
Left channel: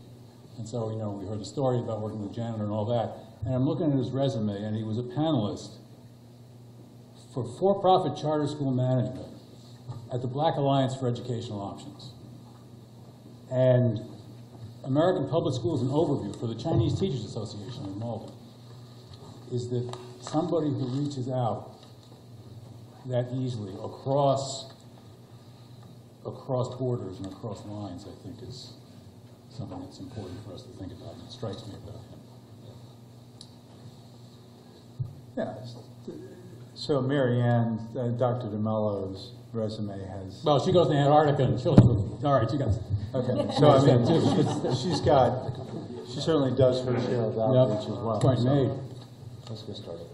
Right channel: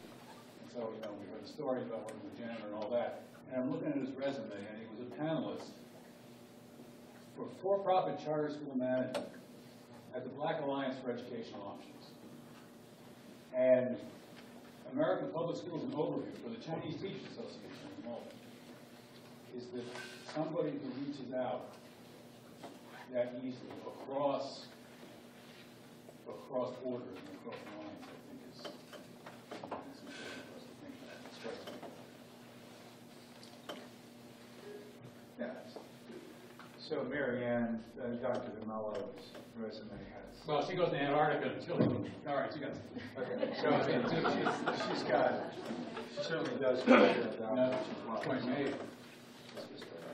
And so, you know, we heard the story about working with janitor and all that, and I'm looking at his resume, and he was a panelist for for-profit charter school management at the Black Alliance for Educational Options. And American Public Schools, an overview for the Chinese Teachers Association in Malden, is that somebody who reaches out that easily across borders and across lines, I think, is something that's important for us to think about, and it strikes me that. Yeah. So Mary Ann, Dr. DeMello's resume has. Well, she goes to Antarctica and she'll, all right, you guys. Okay, so I mean, she certainly does her share of outreach as well. Point made. Let's get started.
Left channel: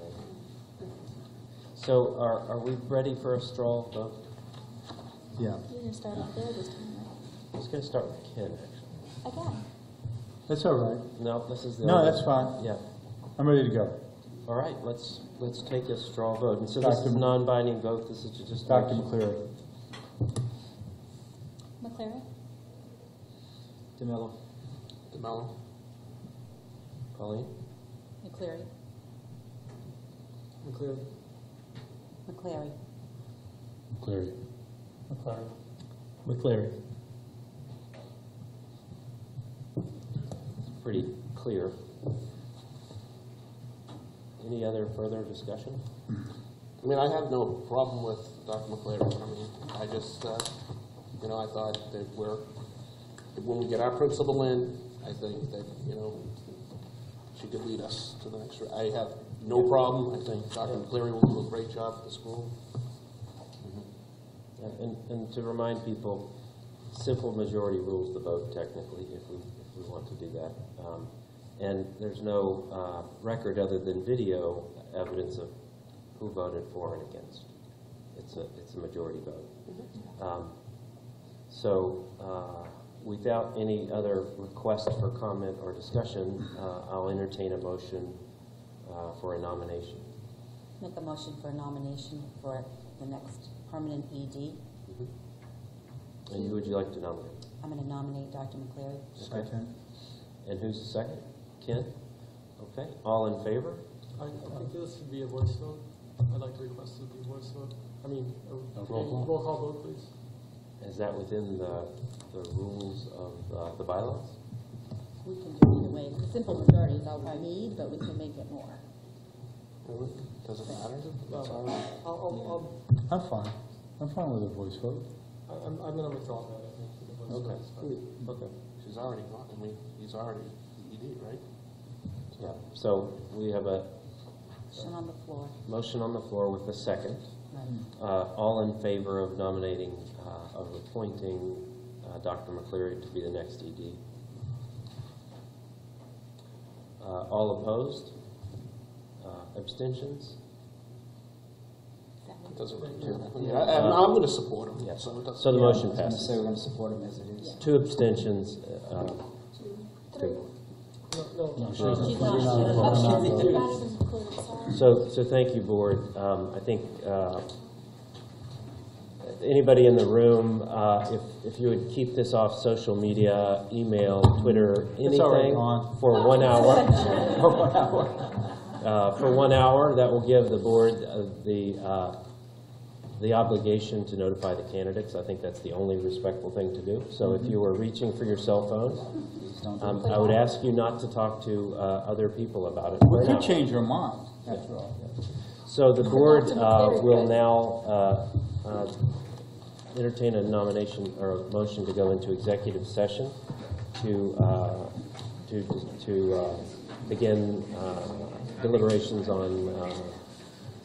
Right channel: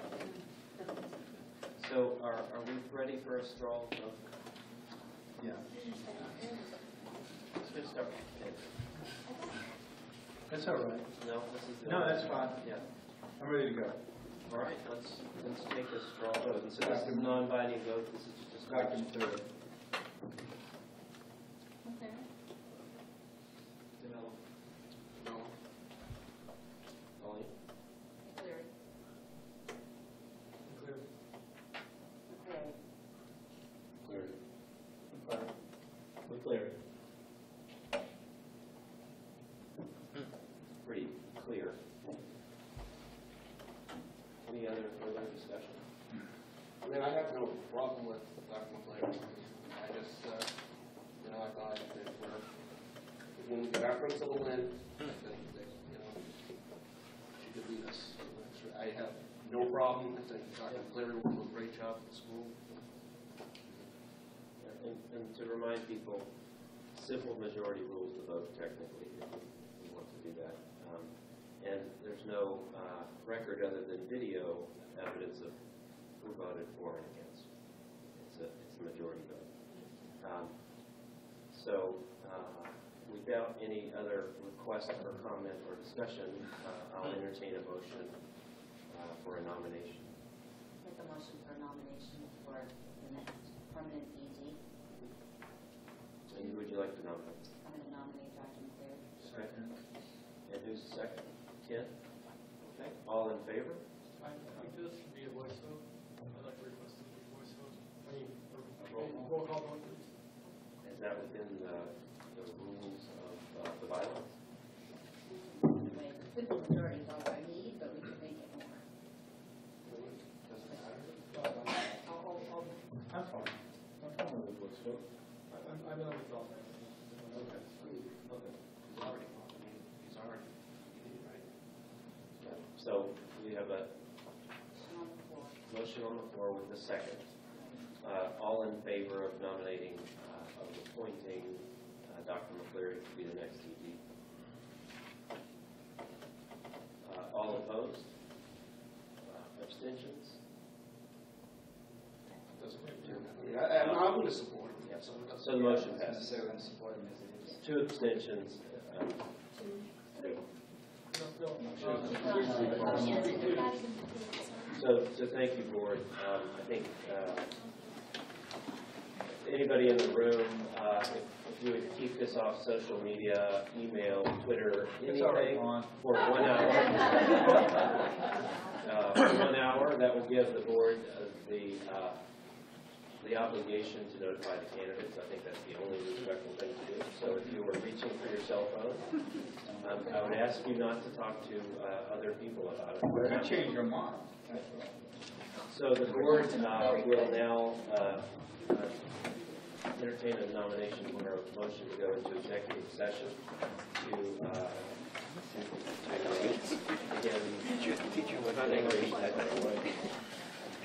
So are we ready for a straw vote? Yeah, You're going to start off there this time, I'm just going to start with Ken. right? Okay. that's all right. No, this is the... No, that's fine. Yeah. I'm ready to go. All right, let's take a straw vote. And so this is a Dr. non-binding vote. This is just... Dr. McCleary. McClary? DeMello. DeMello? Colleen? McClary. McCleary. McCleary. McCleary. McClary. McClary. Pretty clear. Any other further discussion? I mean, I have no problem with Dr. McCleary. I mean, I just, you know, I thought that when we get our principal in, I think that, you know, she could lead us to the next. I have no problem. I think Dr. McCleary will do a great job for the school. And to remind people, simple majority rules the vote technically if we want to do that. And there's no record other than video evidence of who voted for and against. It's a majority vote. So without any other request for comment or discussion, I'll entertain a motion for a nomination. Make a motion for a nomination for the next permanent ED. And who would you like to nominate? I'm going to nominate Dr. McCleary. Second. And who's the second? Ken? Okay. All in favor? I think this should be a voice vote. I'd like to request it be a voice vote. I mean, roll call vote, please. Is that within the rules of the bylaws? We can do it either way. It's a simple majority is all I need, but we can make it more. Does it matter? I'll I'm fine. I'm fine with a voice vote. I'm gonna withdraw that. Okay. Okay. She's already not, I mean, he's already ED, right? Yeah, so we have a Motion on the floor. motion on the floor with a second. All in favor of nominating, of appointing Dr. McCleary to be the next ED? All opposed? Abstentions? It doesn't really do anything. I'm going to support him, Yeah. so it doesn't. So the Yeah, motion I was gonna passes. say we're gonna support him as it is. 2 abstentions, 2. No. She's not, oh, she's not even included, sorry. So thank you, board. I think anybody in the room, if you would keep this off social media, email, Twitter, It's already anything gone. for 1 hour. For 1 hour, that will give the board the obligation to notify the candidates. I think that's the only respectful thing to do. So if you were reaching for your cell phones, I would ask you not to talk to other people about it. We could change your mind, after all. So the board will now entertain a nomination or a motion to go into executive session to begin deliberations on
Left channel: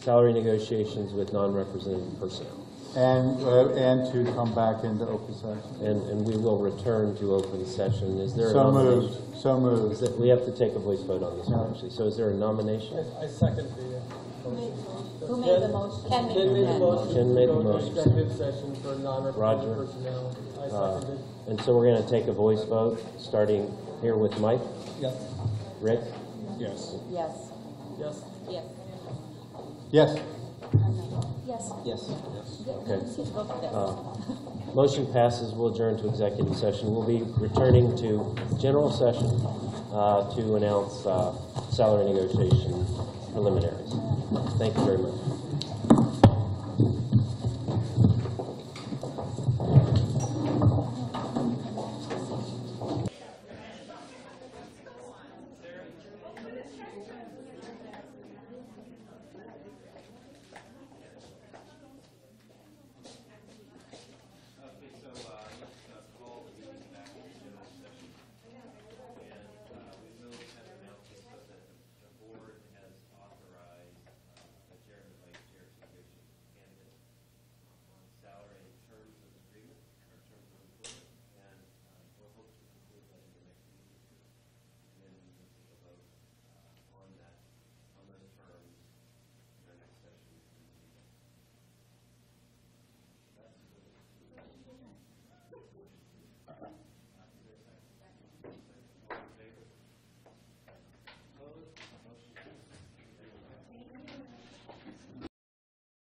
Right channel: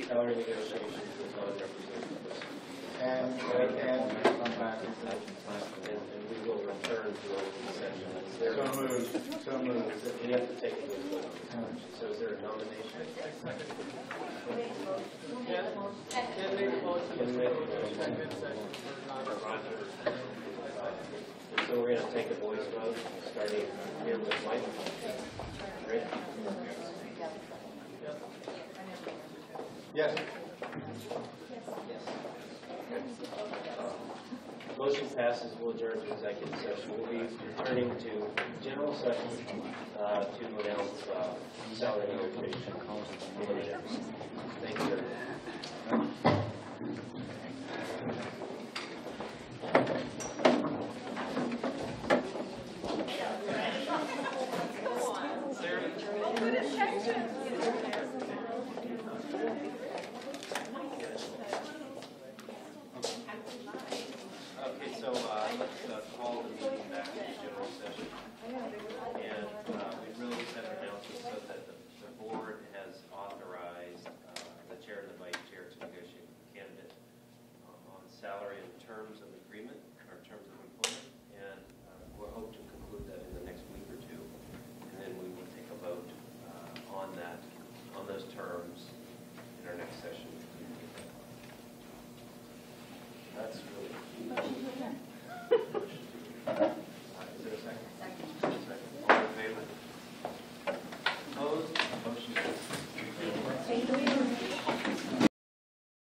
salary negotiations with non-represented personnel. And to come back into open session. And we will return to open session. Is there a So nomination? moved, so moved. We have to take a voice vote on this one, actually. So is there a nomination? I second Who made the motion? Ken made Ken made the motion. Ken made the to go into motion. Executive session for Roger. non-represented personnel. I second it. And so we're going to take a voice vote, starting here with Mike. Yes. Rick? Yes. Yes. Yes. Yes. Yes. Yes. Okay. Motion passes. We'll adjourn to executive session. We'll be returning to general session to announce salary negotiation preliminaries. Thank you very much.